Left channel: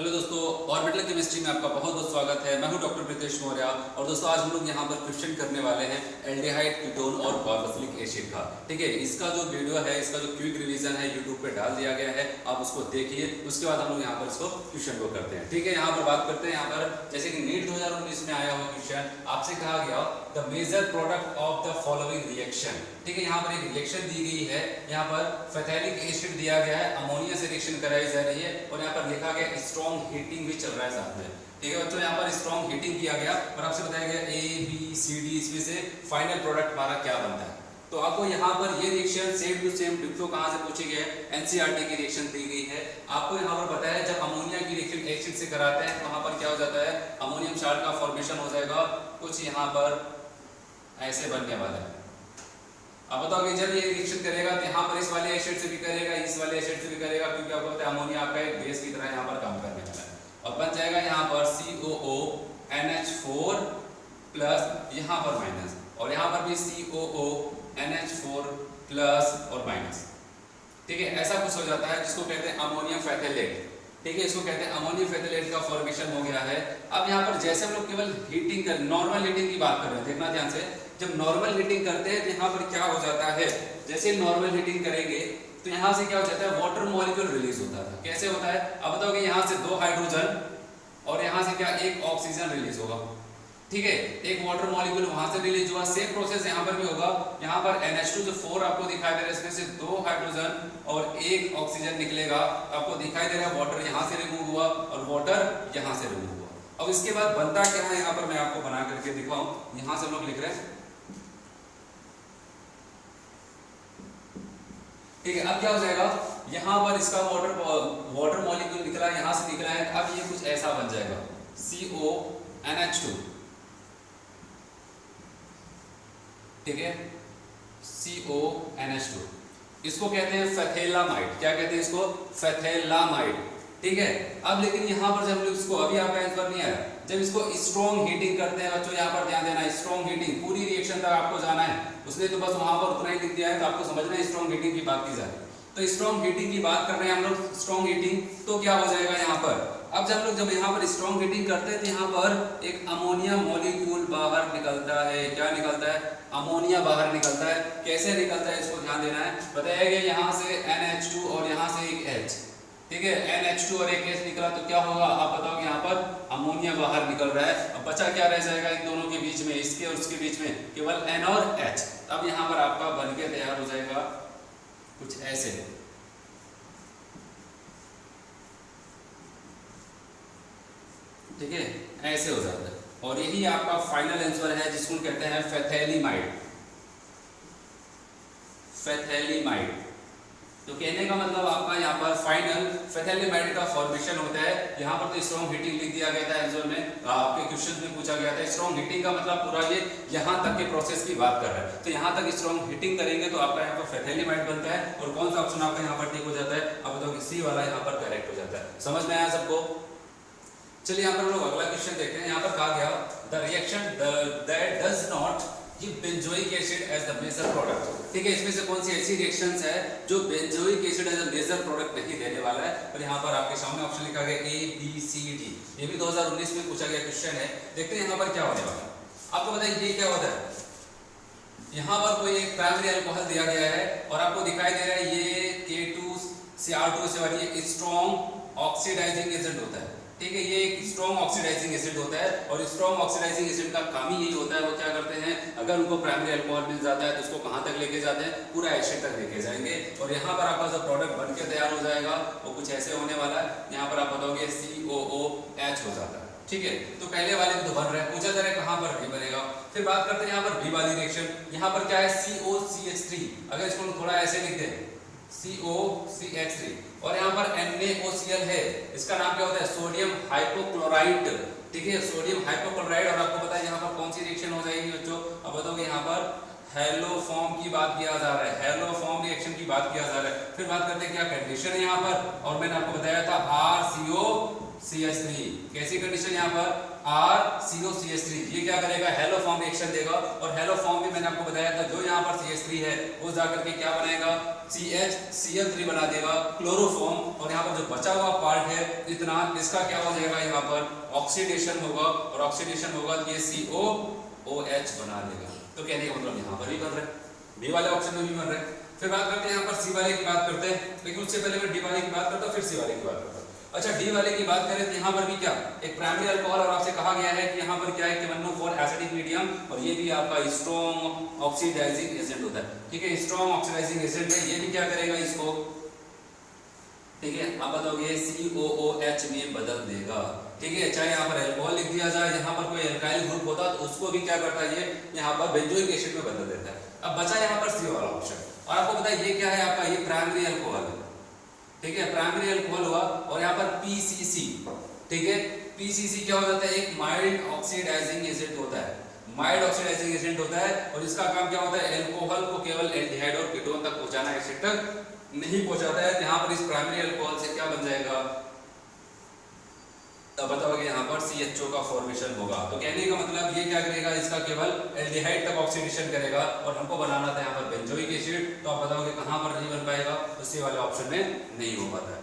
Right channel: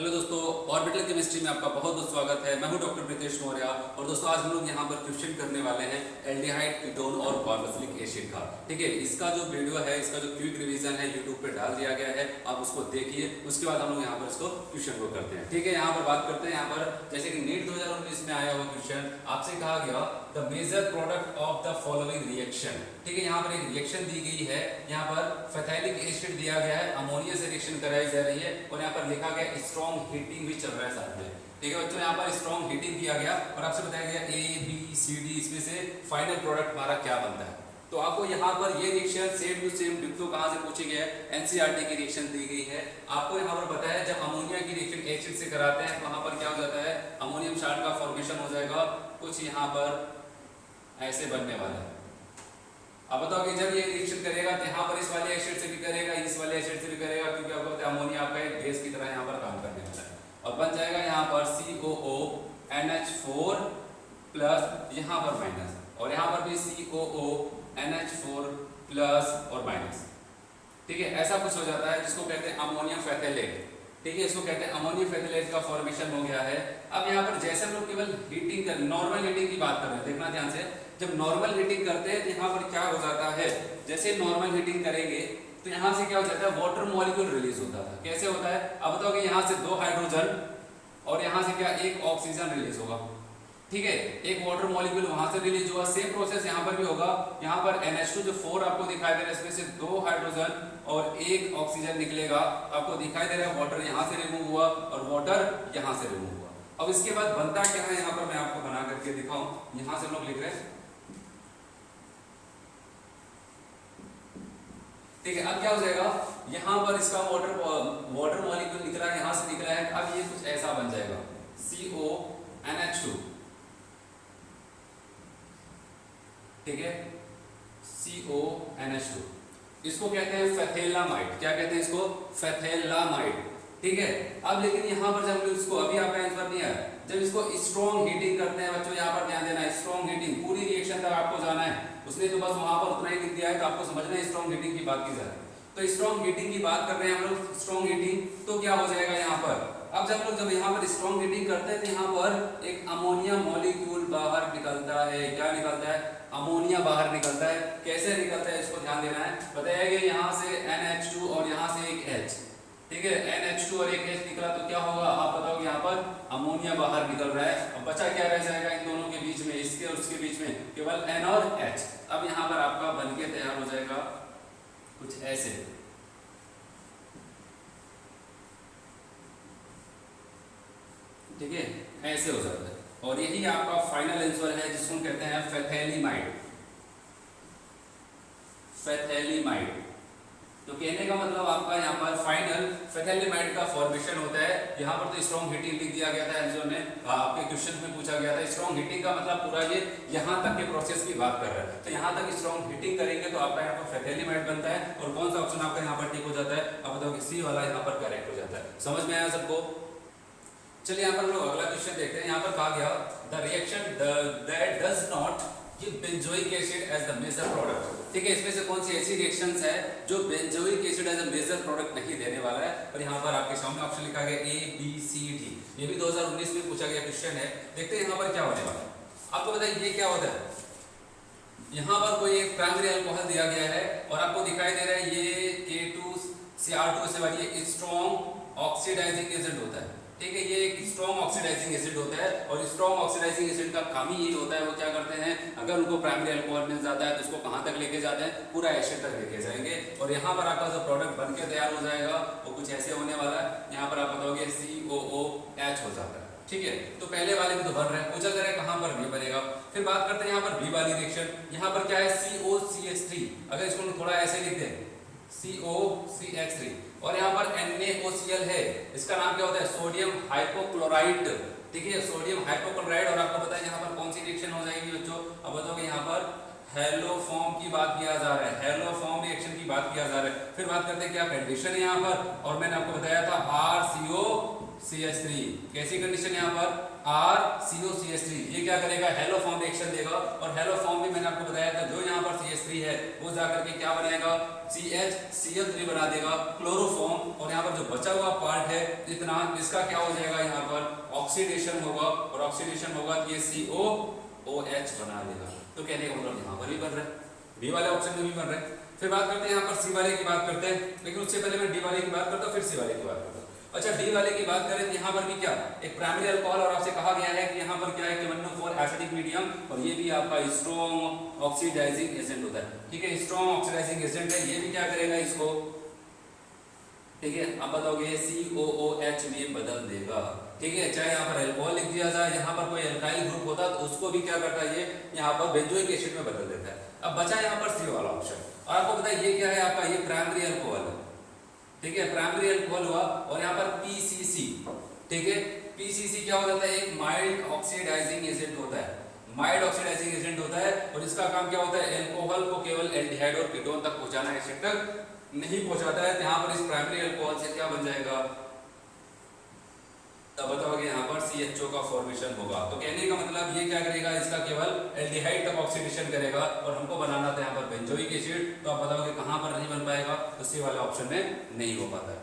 Hello दोस्तों, orbital chemistry में आपका बहुत बहुत स्वागत है। मैं हूं डॉक्टर प्रीतेश मौर्य। और दोस्तों आज हम लोग यहां पर क्वेश्चन करने वाले हैं एल्डिहाइड, कीटोन और कार्बोक्सिलिक एसिड का। ठीक है, इसका जो वीडियो है, इसका जो क्विक रिवीजन है यूट्यूब पे डाल दिया गया है, आप उसको देखिए। उसके बाद हम लोग यहाँ पर इसको क्वेश्चन को करते हैं। ठीक है, यहाँ पर बात करते हैं। यहाँ पर जैसे कि नीट 2019 में आया हुआ क्वेश्चन, आपसे कहा गया the major product of the following reaction. ठीक है, यहाँ पर एक रिएक्शन दी गई है। यहाँ पर फैथैलिक एसिड दिया गया है, अमोनिया से रिएक्शन कराई जा रही है और यहाँ पर लिखा गया स्ट्रॉन्ग हीटिंग भी चल रहा है साथ में। ठीक है बच्चों, यहाँ पर स्ट्रॉन्ग हीटिंग किया गया और आपसे बताया गया ए बी सी डी, इसमें से फाइनल प्रोडक्ट हमारा क्या बनता है। तो आपको यहाँ पर ये रिएक्शन सेम टू सेम डिप्लो कहाँ से पूछी गई है, एनसीईआरटी की रिएक्शन दी गई है। आपको यहाँ पर पता है जब अमोनिया की रिएक्शन एसिड से कराते हैं तो वहाँ पर क्या हो जाता है, अमोनियम साल्ट का फॉर्मेशन हो जाएगा, कुछ यहाँ पर ऐसे बनने वाला है। अब बताओ कि जब ये रिएक्शन करेगा तो यहाँ पर इस वाले एसिड से भी करेगा, इस वाले एसिड से भी करेगा, क्योंकि आपको पता है अमोनिया आपका एक बेस की तरह यहाँ पर काम करने वाला है। और बन जाएगा यहाँ पर COONH4 प्लस यहाँ पर माइनस, और यहाँ पर भी COONH4 प्लस और माइनस। ठीक है, ऐसा कुछ हो जाता है जिसको कहते हैं अमोनियम फैथलेट। ठीक है, इसको कहते हैं अमोनियम फैथलेट का फॉर्मेशन हो गया है। अब यहाँ पर जैसे हम लोग केवल हीटिंग कर, नॉर्मल हीटिंग की बात कर रहे हैं, देखना ध्यान से। जब नॉर्मल हीटिंग करते हैं तो यहाँ पर क्या हो जाता है, जैसे नॉर्मल हीटिंग करेंगे तो यहाँ से क्या हो जाता है, वाटर मॉलिक्यूल रिलीज होता था। कैसे होता है, अब बताओ कि यहाँ से 2 हाइड्रोजन और यहाँ से क्या, 1 ऑक्सीजन रिलीज होगा। ठीक है, एक वाटर मॉलिक्यूल वहां से रिलीज हुआ। सेम प्रोसेस यहाँ पर भी होगा। यहाँ पर NH2 जो 4 आपको दिखाई दे रहा है, इसमें से 2 हाइड्रोजन और 1 ऑक्सीजन निकलेगा। आपको दिखाई दे रहा है वाटर यहाँ से रिमूव हुआ और वाटर यहाँ से रिमूव हुआ। अब इसके बाद बनता क्या है, यहाँ पर मैं आपको बना करके दिखाऊं। यहाँ से लोग लिख रहे हैं। ठीक है, अब क्या हो जाएगा, यहाँ पर इसका वाटर मॉलिक्यूल निकला, यहाँ से निकला है। अब ये कुछ ऐसा बन जाएगा CONH2। ठीक है, CONH2, इसको कहते हैं फैथेलामाइड। क्या कहते हैं इसको, फैथेलामाइड। ठीक है, अब लेकिन यहाँ पर जब इसको, अभी आपका आंसर नहीं आया, जब इसको स्ट्रॉन्ग हीटिंग करते हैं बच्चों, यहाँ पर ध्यान देना है, स्ट्रॉन्ग हीटिंग पूरी रिएक्शन तक आपको जाना है। उसने तो बस वहां पर उतना ही लिख दिया है, तो आपको समझना है स्ट्रॉन्ग हीटिंग की बात की जा रही है। तो स्ट्रॉन्ग हीटिंग की बात कर रहे हैं हम लोग, स्ट्रॉन्ग हीटिंग। तो क्या हो जाएगा यहाँ पर, अब जब यहाँ पर स्ट्रॉन्ग हीटिंग करते हैं तो यहाँ पर एक अमोनिया मॉलिक्यूल बाहर निकलता है। क्या निकलता है, अमोनिया बाहर निकलता है। कैसे निकलता है इसको ध्यान देना है। बताया गया यहाँ से NH2 और यहाँ से एक H। ठीक है, NH2 और एक H निकला तो क्या होगा, आप बताओ कि यहाँ पर अमोनिया बाहर निकल रहा है। अब बचा क्या रह जाएगा इन दोनों के बीच में, इसके और उसके बीच में, केवल N और H। अब यहाँ पर आपका बनके तैयार हो जाएगा कुछ ऐसे। ठीक है, ऐसे हो जाता है। और यही आपका फाइनल आंसर है, जिसको कहते हैं फैथैलीमाइड। फैथैलीमाइड, तो कहने का मतलब आपका यहाँ पर फाइनल फैथैलीमाइड का फॉर्मेशन होता है। यहाँ पर तो स्ट्रॉन्ग हीटिंग लिख दिया गया था आंसर में, आपके क्वेश्चन में पूछा गया था। स्ट्रॉन्ग हीटिंग का मतलब पूरा ये यहाँ तक के प्रोसेस की बात कर रहा है। तो यहाँ तक स्ट्रॉन्ग हीटिंग करेंगे तो आपका यहाँ पर फैथैलीमाइड बनता है। और कौन सा ऑप्शन आपका यहाँ पर ठीक हो जाता है, आप बताओ कि C वाला यहाँ पर करेक्ट हो जाता है। समझ में आया सबको। चलिए यहाँ पर हम लोग अगला क्वेश्चन देखते हैं। यहाँ पर कहा गया the reaction that does not give benzoic acid as the major product. ठीक है, इसमें से कौन सी ऐसी रिएक्शंस है जो benzoic acid as a major product नहीं देने वाला है। और यहाँ पर आपके सामने ऑप्शन लिखा गया ABCD। ये भी 2019 में पूछा गया क्वेश्चन है। देखते हैं यहाँ पर क्या होगा। आपको बताइए ये क्या होता है, यहाँ पर कोई एक प्राइमरी अल्कोहल दिया गया है और आपको दिखाई दे रहा है ये K2CR2 से वाली ये स्ट्रॉन्ग ऑक्सीडाइजिंग एजेंट होता है। ठीक है, ये एक स्ट्रॉन्ग ऑक्सीडाइजिंग एसिड होता है। और स्ट्रॉन्ग ऑक्सीडाइजिंग एसिड का काम ही यही होता है, वो क्या करते हैं, अगर उनको प्राइमरी अल्कोहल मिल जाता है तो उसको कहाँ तक लेके जाते हैं, पूरा एसिड तक लेके जाएंगे। और यहाँ पर आपका जो प्रोडक्ट बन के तैयार हो जाएगा वो कुछ ऐसे होने वाला है। यहाँ पर आप बताओगे COOH हो जाता है। ठीक है, तो पहले वाले में तो बन रहा है, पूछा जा रहा है कहाँ पर भी बनेगा। फिर बात करते हैं यहाँ पर बी वाली रिएक्शन। यहाँ पर क्या है, COCH3। अगर इसको थोड़ा ऐसे लिख दें, COCH3, और यहाँ पर NaOCl है। इसका नाम क्या होता है, सोडियम हाइपोक्लोराइड। ठीक है, सोडियम हाइपोक्लोराइड। और आपको पता है यहाँ पर कौन सी रिएक्शन हो जाएगी बच्चों, अब बताओगे यहाँ पर हेलोफॉर्म की बात किया जा रहा है, हेलोफॉर्म रिएक्शन की बात किया जा रहा है। फिर बात करते हैं क्या कंडीशन है यहाँ पर, और मैंने आपको बताया था RCOCH3। कैसी कंडीशन यहाँ पर, RCOCH3, ये क्या करेगा, हेलोफॉर्म रिएक्शन देगा। और हेलोफॉर्म भी मैंने आपको बताया था, जो यहाँ पर CH3 है वो जाकर के क्या बनाएगा, CHCl3 बना देगा, क्लोरोफॉर्म। और यहाँ पर जो बचा हुआ पार्ट है इतना, इसका क्या हो जाएगा यहाँ पर ऑक्सीडेशन होगा, और ऑक्सीडेशन होगा तो ये COOH बना लेगा। तो कहने का मतलब यहाँ पर भी बन रहा है, बी वाले ऑप्शन में भी बन रहा है। फिर बात करते हैं यहाँ पर सी वाले की बात करते हैं, लेकिन उससे पहले मैं डी वाले की बात करता हूँ, फिर सी वाले की बात करता हूँ। अच्छा, डी वाले की बात करें तो यहाँ पर भी क्या एक प्राइमरी अल्कोहल, और आपसे कहा गया है कि यहाँ पर क्या है KMnO4 एसिडिक मीडियम, और ये भी आपका स्ट्रॉन्ग ऑक्सीडाइजिंग एजेंट होता है। ठीक है, स्ट्रॉन्ग ऑक्सीडाइजिंग एजेंट है, ये भी क्या करेगा इसको, ठीक है, आप बताओगे COOH में बदल देगा। ठीक है, चाहे यहाँ पर अल्कोहल लिख दिया जाए, यहाँ पर कोई अल्काइल ग्रुप होता तो उसको भी क्या करता है, ये यहाँ पर बेंजोइक एसिड में बदल देता है। अब बचा यहाँ पर सी वाला ऑप्शन, और आपको पता है ये क्या है आपका, ये प्राइमरी अल्कोहल है। ठीक है, प्राइमरी अल्कोहल हुआ, और यहाँ पर PCC, ठीक है, PCC क्या हो जाता है, एक माइल्ड ऑक्सीडाइजिंग एजेंट होता है, माइल्ड ऑक्सीडाइजिंग एजेंट होता है, और इसका काम क्या होता है, अल्कोहल को केवल एल्डिहाइड और कीटोन तक पहुंचाना, एसिड तक नहीं पहुंचाता है। यहाँ पर इस प्राइमरी अल्कोहल से क्या बन जाएगा, तब बताओगे यहाँ पर CHO का फॉर्मेशन होगा। तो कहने का मतलब ये क्या करेगा, इसका केवल एल्डिहाइड तक ऑक्सीडेशन करेगा, और हमको बनाना था यहाँ पर बेंजोइक एसिड, तो आप बताओगे कहाँ पर नहीं बन पाएगा, तो सी वाले ऑप्शन में नहीं हो पाता है।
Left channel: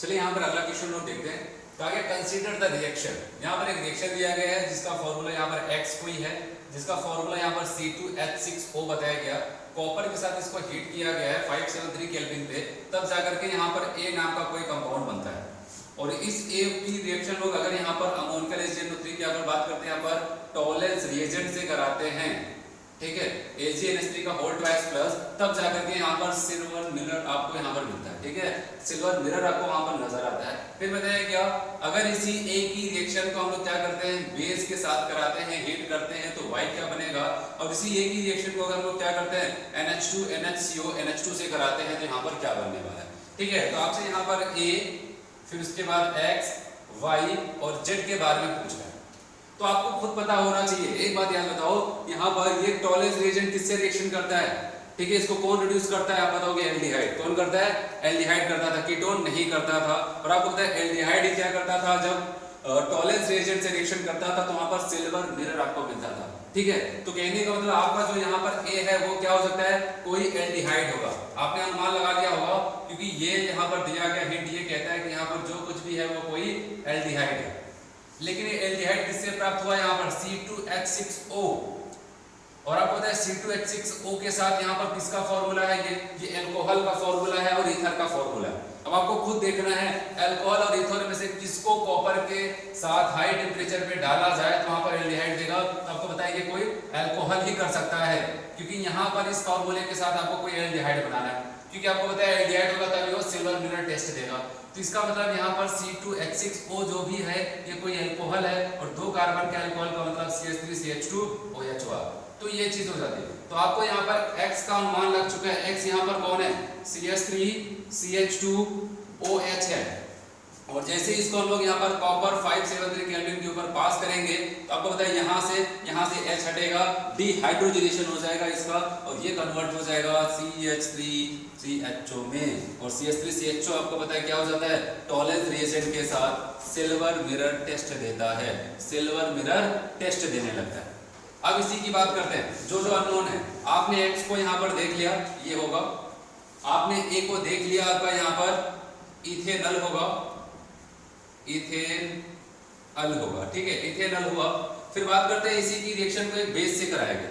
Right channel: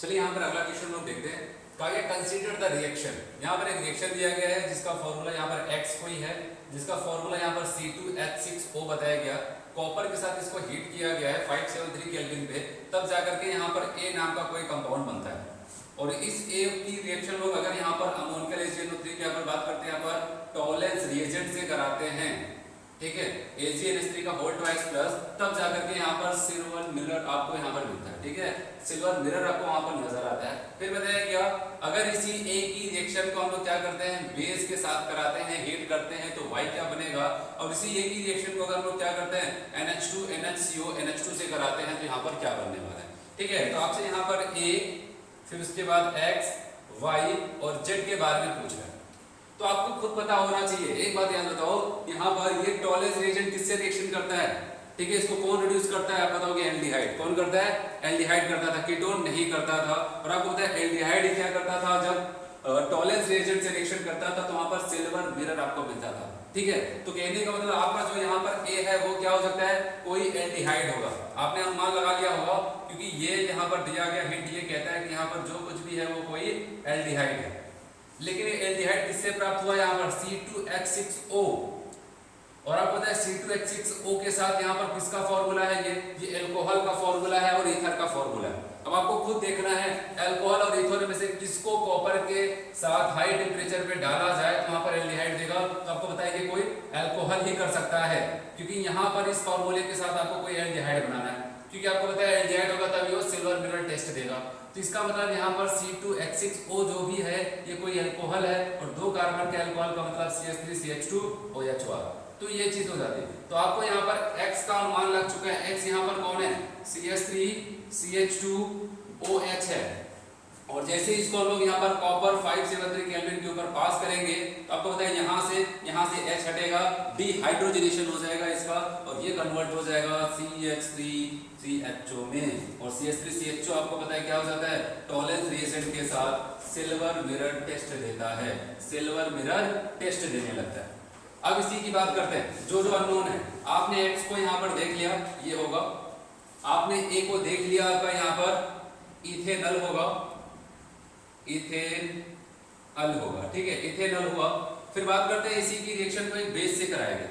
चलिए यहाँ पर अगला क्वेश्चन लोग देखते हैं। कहा कंसीडर द रिएक्शन, यहाँ पर एक रिएक्शन दिया गया है जिसका फॉर्मूला यहाँ पर X कोई है, जिसका फॉर्मूला यहाँ पर C2H6O बताया गया, कॉपर के साथ इसको हीट किया गया है 573 केल्विन पे, तब जाकर के यहाँ पर A नाम का कोई कंपाउंड बनता है, और इस A की रिएक्शन लोग अगर यहाँ पर अमोनियल HNO3 की अगर बात करते हैं, यहाँ पर टॉलेंस रिएजेंट से कराते हैं, ठीक है, AgNH3 का होल ट्वाइस प्लस, तब जाकर के यहाँ पर सिल्वर मिरर आपको यहाँ पर मिलता है। ठीक है, सिल्वर मिरर आपको वहां पर नजर आता है। फिर बताया क्या, अगर इसी A की रिएक्शन को हम लोग क्या करते हैं, बेस के साथ कराते हैं, हीट करते हैं, तो Y क्या बनेगा, और इसी A की रिएक्शन को अगर हम लोग क्या करते हैं, NH2 NHCO NH2 से कराते हैं, तो यहाँ पर क्या बनने वाला है। ठीक है, तो आपसे यहाँ पर A, फिर उसके बाद X, Y और Z के बारे में पूछ रहा है, तो आपको खुद पता होना चाहिए। एक बात याद बताओ, यहाँ पर ये टॉलेंस रिएजेंट किससे रिएक्शन करता है, ठीक है, इसको कौन रिड्यूस करता है, आप बताओगे एल्डिहाइड। कौन करता है, एल्डिहाइड करता था, कीटोन नहीं करता था। और आपको पता है एल्डिहाइड ही क्या करता था, जब टॉलेंस रिएजेंट से रिएक्शन करता था तो वहां पर सिल्वर मिरर आपको मिलता था। ठीक है, तो कहने का मतलब आपका जो यहाँ पर A है वो क्या हो सकता है, कोई एल्डिहाइड होगा। आपने अनुमान लगा लिया होगा, क्योंकि ये यहाँ पर दिया गया हिंट ये कहता है कि यहाँ पर जो कुछ भी है वो कोई एल्डिहाइड है। लेकिन ये एल्डिहाइड किससे प्राप्त हुआ, यहाँ पर C2H6O, और आपको पता है C2H6O के साथ यहाँ पर किसका फॉर्मूला है, ये अल्कोहल का फॉर्मूला है और ईथर का फॉर्मूला है। अब आपको खुद देखना है अल्कोहल और ईथर में से किसको कॉपर के साथ हाई टेम्परेचर पे डाला जाए तो वहां पर एल्डिहाइड देगा। आपको बताएंगे कोई अल्कोहल ही कर सकता है, क्योंकि यहाँ पर इस फॉर्मूले के साथ आपको कोई एल्डिहाइड बनाना है, क्योंकि आपको पता है एल्डिहाइड होगा तभी वो सिल्वर मिरर टेस्ट देगा। तो इसका मतलब यहाँ पर C2H6O जो भी है ये कोई अल्कोहल है, और 2 कार्बन के अल्कोहल का मतलब CH3CH2OH हुआ, तो ये चीज हो जाती है। तो आपको यहाँ पर X का अनुमान लग चुका है। X यहाँ पर कौन है, CH3CH2OH है, और जैसे इसको हम लोग यहाँ पर कॉपर 573 केल्विन के ऊपर पास करेंगे तो आपको पता है यहाँ से H हटेगा, डिहाइड्रोजनेशन हो जाएगा इसका, और ये कन्वर्ट हो जाएगा CH3CHO में, और CH3CHO आपको पता है क्या हो जाता है, टॉलेंस रिएजेंट के साथ सिल्वर मिरर टेस्ट देता है, सिल्वर मिरर टेस्ट देने लगता है। अब इसी की बात करते हैं, जो जो अननोन है। आपने X को यहाँ पर देख लिया, ये होगा, आपने A को देख लिया, आपका यहाँ पर इथेनल होगा, इथेनल होगा, ठीक है, इथेनल हुआ। फिर बात करते हैं इसी की रिएक्शन को एक बेस से कराया गया,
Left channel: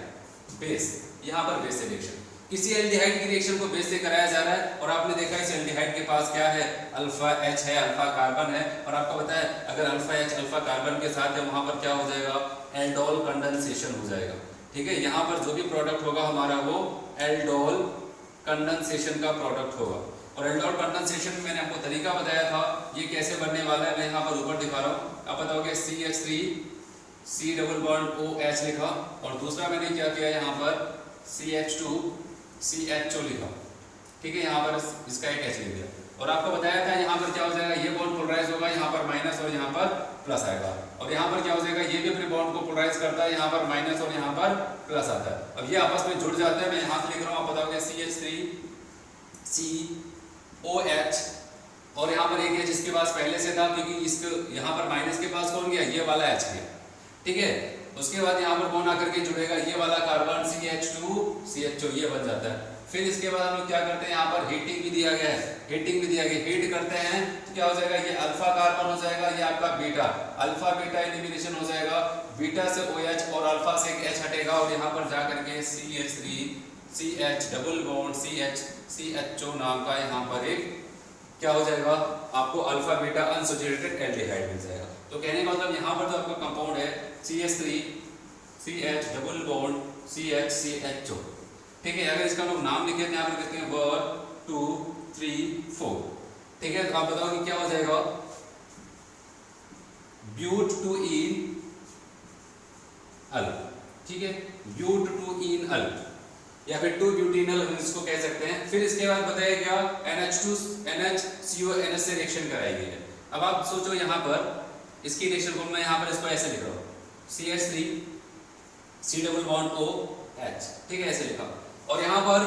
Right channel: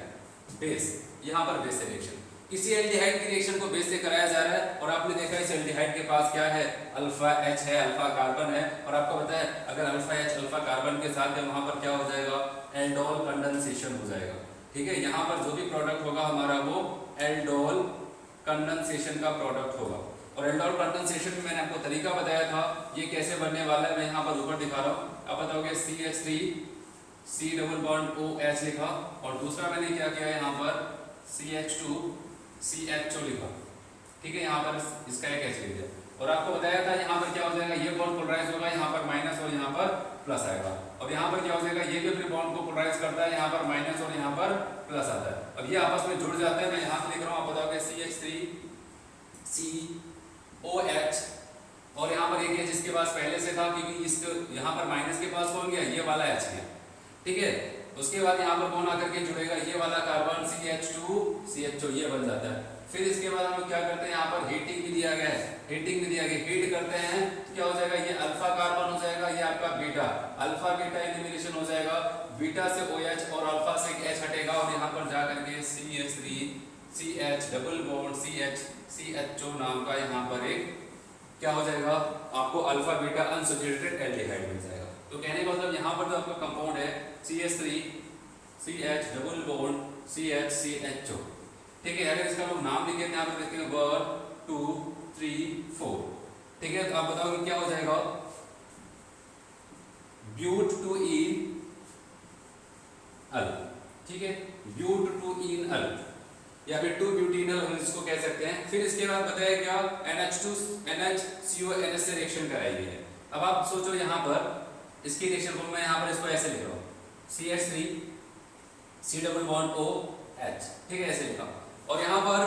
बेस, यहाँ पर बेस से रिएक्शन, किसी एल्डिहाइड की रिएक्शन को बेस से कराया जा रहा है, और आपने देखा इस एल्डिहाइड के पास क्या है, अल्फा H है, अल्फा कार्बन है, और आपको पता है अगर अल्फा H अल्फा कार्बन के साथ है वहां पर क्या हो जाएगा, एल्डोल कंडेंसेशन हो जाएगा। ठीक है, यहाँ पर जो भी प्रोडक्ट होगा हमारा वो एल्डोल कंडेंसेशन का प्रोडक्ट होगा। और एल्डोल कंडेंसेशन में मैंने आपको तरीका बताया था, ये कैसे बनने वाला है, मैं यहाँ पर ऊपर दिखा रहा हूँ। आप बताओगे CH3 C double bond OH लिखा, और दूसरा मैंने क्या किया यहाँ पर CH2 CHO लिखा, ठीक है, यहाँ पर इसका एक H लिख दिया, और आपको बताया था यहाँ पर क्या हो जाएगा, ये बॉन्ड पोलराइज होगा, यहाँ पर माइनस और यहाँ पर प्लस आएगा, और यहाँ पर क्या हो जाएगा, ये भी अपने बॉन्ड को पोलराइज करता है, यहाँ पर माइनस और यहाँ पर प्लस आता है। अब ये आपस में जुड़ जाते हैं, मैं यहाँ से लिख रहा हूँ, आप बताओगे CH3 COH, और यहाँ पर एक H इसके पास पहले से था, क्योंकि इसके यहाँ पर माइनस के पास कौन गया, ये वाला H गया, ठीक है। उसके बाद यहाँ पर कौन आकर के जुड़ेगा, ये वाला कार्बन CH2 CHO, ये बन जाता है। फिर इसके बाद हम लोग क्या करते हैं, यहाँ पर हीटिंग भी दिया गया है, हीटिंग में दिया गया, हीट करते हैं तो क्या हो जाएगा, ये अल्फा कार्बन हो जाएगा, ये आपका बीटा, अल्फा बीटा एलिमिनेशन हो जाएगा, बीटा से OH और अल्फा से एक H हटेगा और यहाँ पर जा करके CH3 CH double bond CHO नाम का यहाँ पर एक क्या हो जाएगा, आपको अल्फा बीटा अनसैचुरेटेड एल्डिहाइड मिल जाएगा। तो कहने का मतलब यहाँ पर जो आपका कंपाउंड है CH3 CH double bond CHO, ठीक है। अगर इसका लोग नाम लिखे यहाँ पर देखते हैं 1 2 3 4, ठीक है। तो आप बताओ कि क्या हो जाएगा, ब्यूट टू इन अल, ठीक है, ब्यूट टू इन अल या फिर 2 ब्यूटेनल हम इसको कह सकते हैं। फिर इसके बाद बताया क्या, NH2 NHCO NH से रिएक्शन कराएगी है। अब आप सोचो यहाँ पर इसकी रिएक्शन फॉर्म मैं यहाँ पर इसको ऐसे लिख रहा हूँ, CH3 C double bond OH, ठीक है, ऐसे लिखा। और यहाँ पर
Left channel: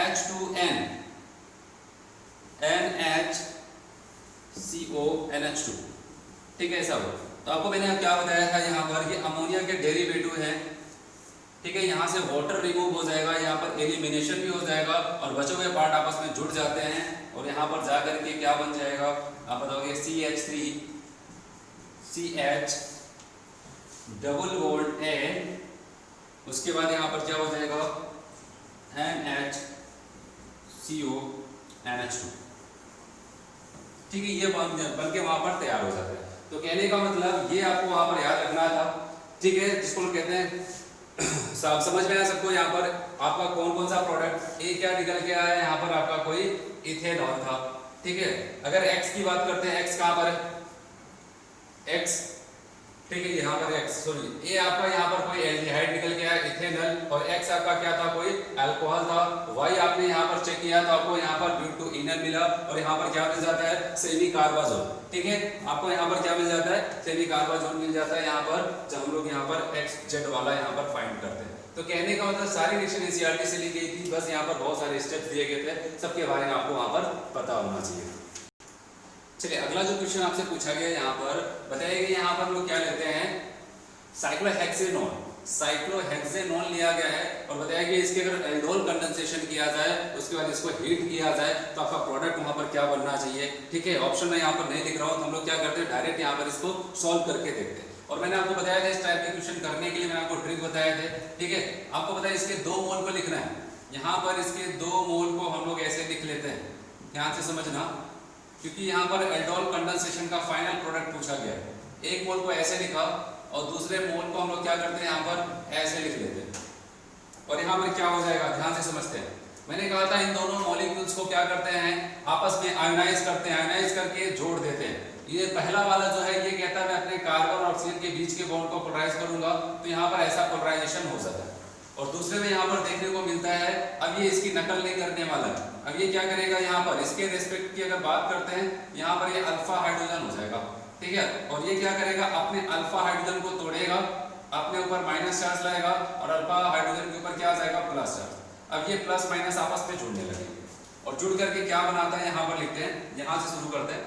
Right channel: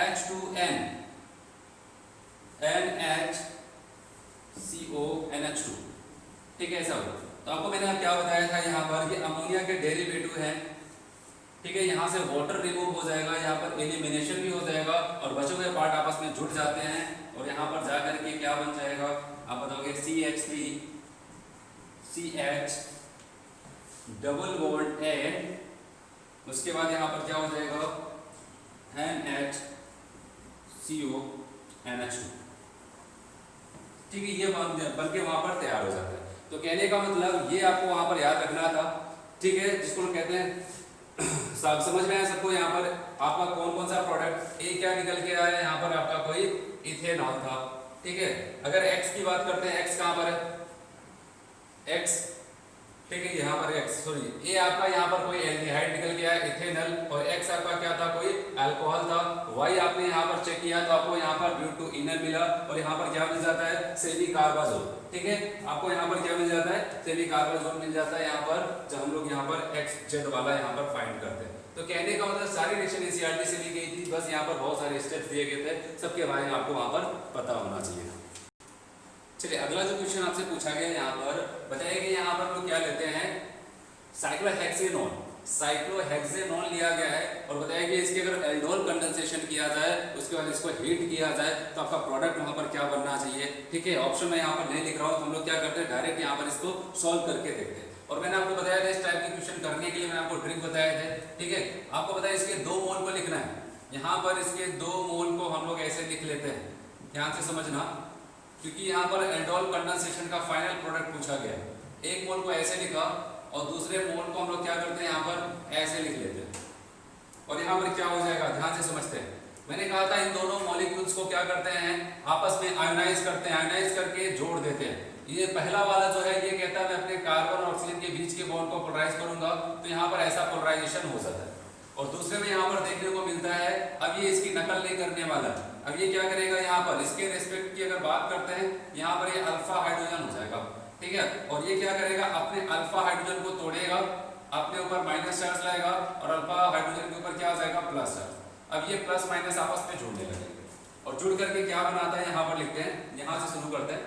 H2N NHCO NH2, ठीक है, ऐसा हो। तो आपको मैंने क्या बताया था यहाँ पर, ये अमोनिया के डेरिवेटिव है, ठीक है। यहाँ से वाटर रिमूव हो जाएगा, यहाँ पर एलिमिनेशन भी हो जाएगा और बचे हुए पार्ट आपस में जुड़ जाते हैं और यहाँ पर जाकर के क्या बन जाएगा, आप बताओगे CH3 CH double bond N, उसके बाद यहाँ पर क्या हो जाएगा NHCO NH2, ठीक है। ये बन के वहां पर तैयार हो जाता है। तो कहने का मतलब ये आपको वहां पर याद रखना था, ठीक है, जिसको लोग कहते हैं सब समझ में आया सबको। यहाँ पर आपका कौन कौन सा प्रोडक्ट ए क्या निकल के आया है, यहाँ पर आपका कोई इथेनॉल था, ठीक है। अगर X की बात करते हैं, X कहाँ पर है, X, ठीक है, यहाँ पर X सॉरी ए आपका यहाँ पर कोई एल्डिहाइड निकल के आया इथेनॉल, और X आपका क्या था, कोई अल्कोहल था। Y आपने यहाँ पर चेक किया तो आपको यहाँ पर ब्यूटेनॉल मिला और यहाँ पर क्या मिल जाता है, सेमी कार्बाजोल, ठीक है। आपको यहाँ पर क्या मिल जाता है, सेमी कार्बाजोल मिल जाता है यहाँ पर, जब हम लोग यहाँ पर XZ वाला यहाँ पर फाइंड करते हैं। तो कहने का मतलब सारी रिएक्शन NCERT से ली गई थी, बस यहाँ पर बहुत सारे स्टेप्स दिए गए थे, सबके बारे में आपको वहाँ पर पता होना चाहिए। चलिए अगला जो क्वेश्चन आपसे पूछा गया यहाँ पर बताइए कि यहाँ पर हम लोग क्या लेते हैं, साइक्लोहेक्सेनॉल, साइक्लोहेक्सेनॉल लिया गया है और बताया कि इसके अगर एल्डोल कंडेंसेशन किया जाए, उसके बाद इसको हीट किया जाए तो आपका प्रोडक्ट वहां पर क्या बनना चाहिए, ठीक है। ऑप्शन मैं यहाँ पर नहीं लिख रहा हूँ, हम लोग क्या करते हैं डायरेक्ट यहाँ पर इसको सॉल्व करके देखते हैं। और मैंने आपको बताया था इस टाइप के क्वेश्चन करने के लिए मैंने आपको ट्रिक बताए थे, ठीक है। आपको बताया इसके 2 मोल को लिखना है, यहाँ पर इसके 2 मोल को हम लोग ऐसे लिख लेते हैं, ध्यान से समझना, क्योंकि यहाँ पर एल्डोल कंडेंसेशन का फाइनल प्रोडक्ट पूछा गया है। एक मोल को ऐसे लिखा और दूसरे मोल को हम लोग क्या करते हैं, यहाँ पर ऐसे लिख लेते हैं और यहाँ पर क्या हो जाएगा, ध्यान से समझते हैं। मैंने कहा था इन दोनों मॉलिक्यूल्स को क्या करते हैं, आपस में आयोनाइज करते हैं, आयोनाइज करके जोड़ देते हैं। ये पहला वाला जो है ये कहता है मैं अपने कार्बन और ऑक्सीजन के बीच के बॉन्ड को पोलराइज करूंगा, तो यहाँ पर ऐसा पोलराइजेशन हो जाता है। और दूसरे में यहाँ पर देखने को मिलता है, अब ये इसकी नकल नहीं करने वाला है, अब ये क्या करेगा, यहाँ पर इसके रेस्पेक्ट की अगर बात करते हैं, यहाँ पर ये अल्फा हाइड्रोजन हो जाएगा, ठीक है। और ये क्या करेगा, अपने अल्फा हाइड्रोजन को तोड़ेगा, अपने ऊपर माइनस चार्ज लाएगा और अल्फा हाइड्रोजन के ऊपर क्या आ जाएगा, प्लस चार्ज। अब ये प्लस माइनस आपस में जुड़ने लगेंगे और जुड़ करके क्या बनाता है, यहाँ पर लिखते हैं, यहाँ से शुरू करते हैं,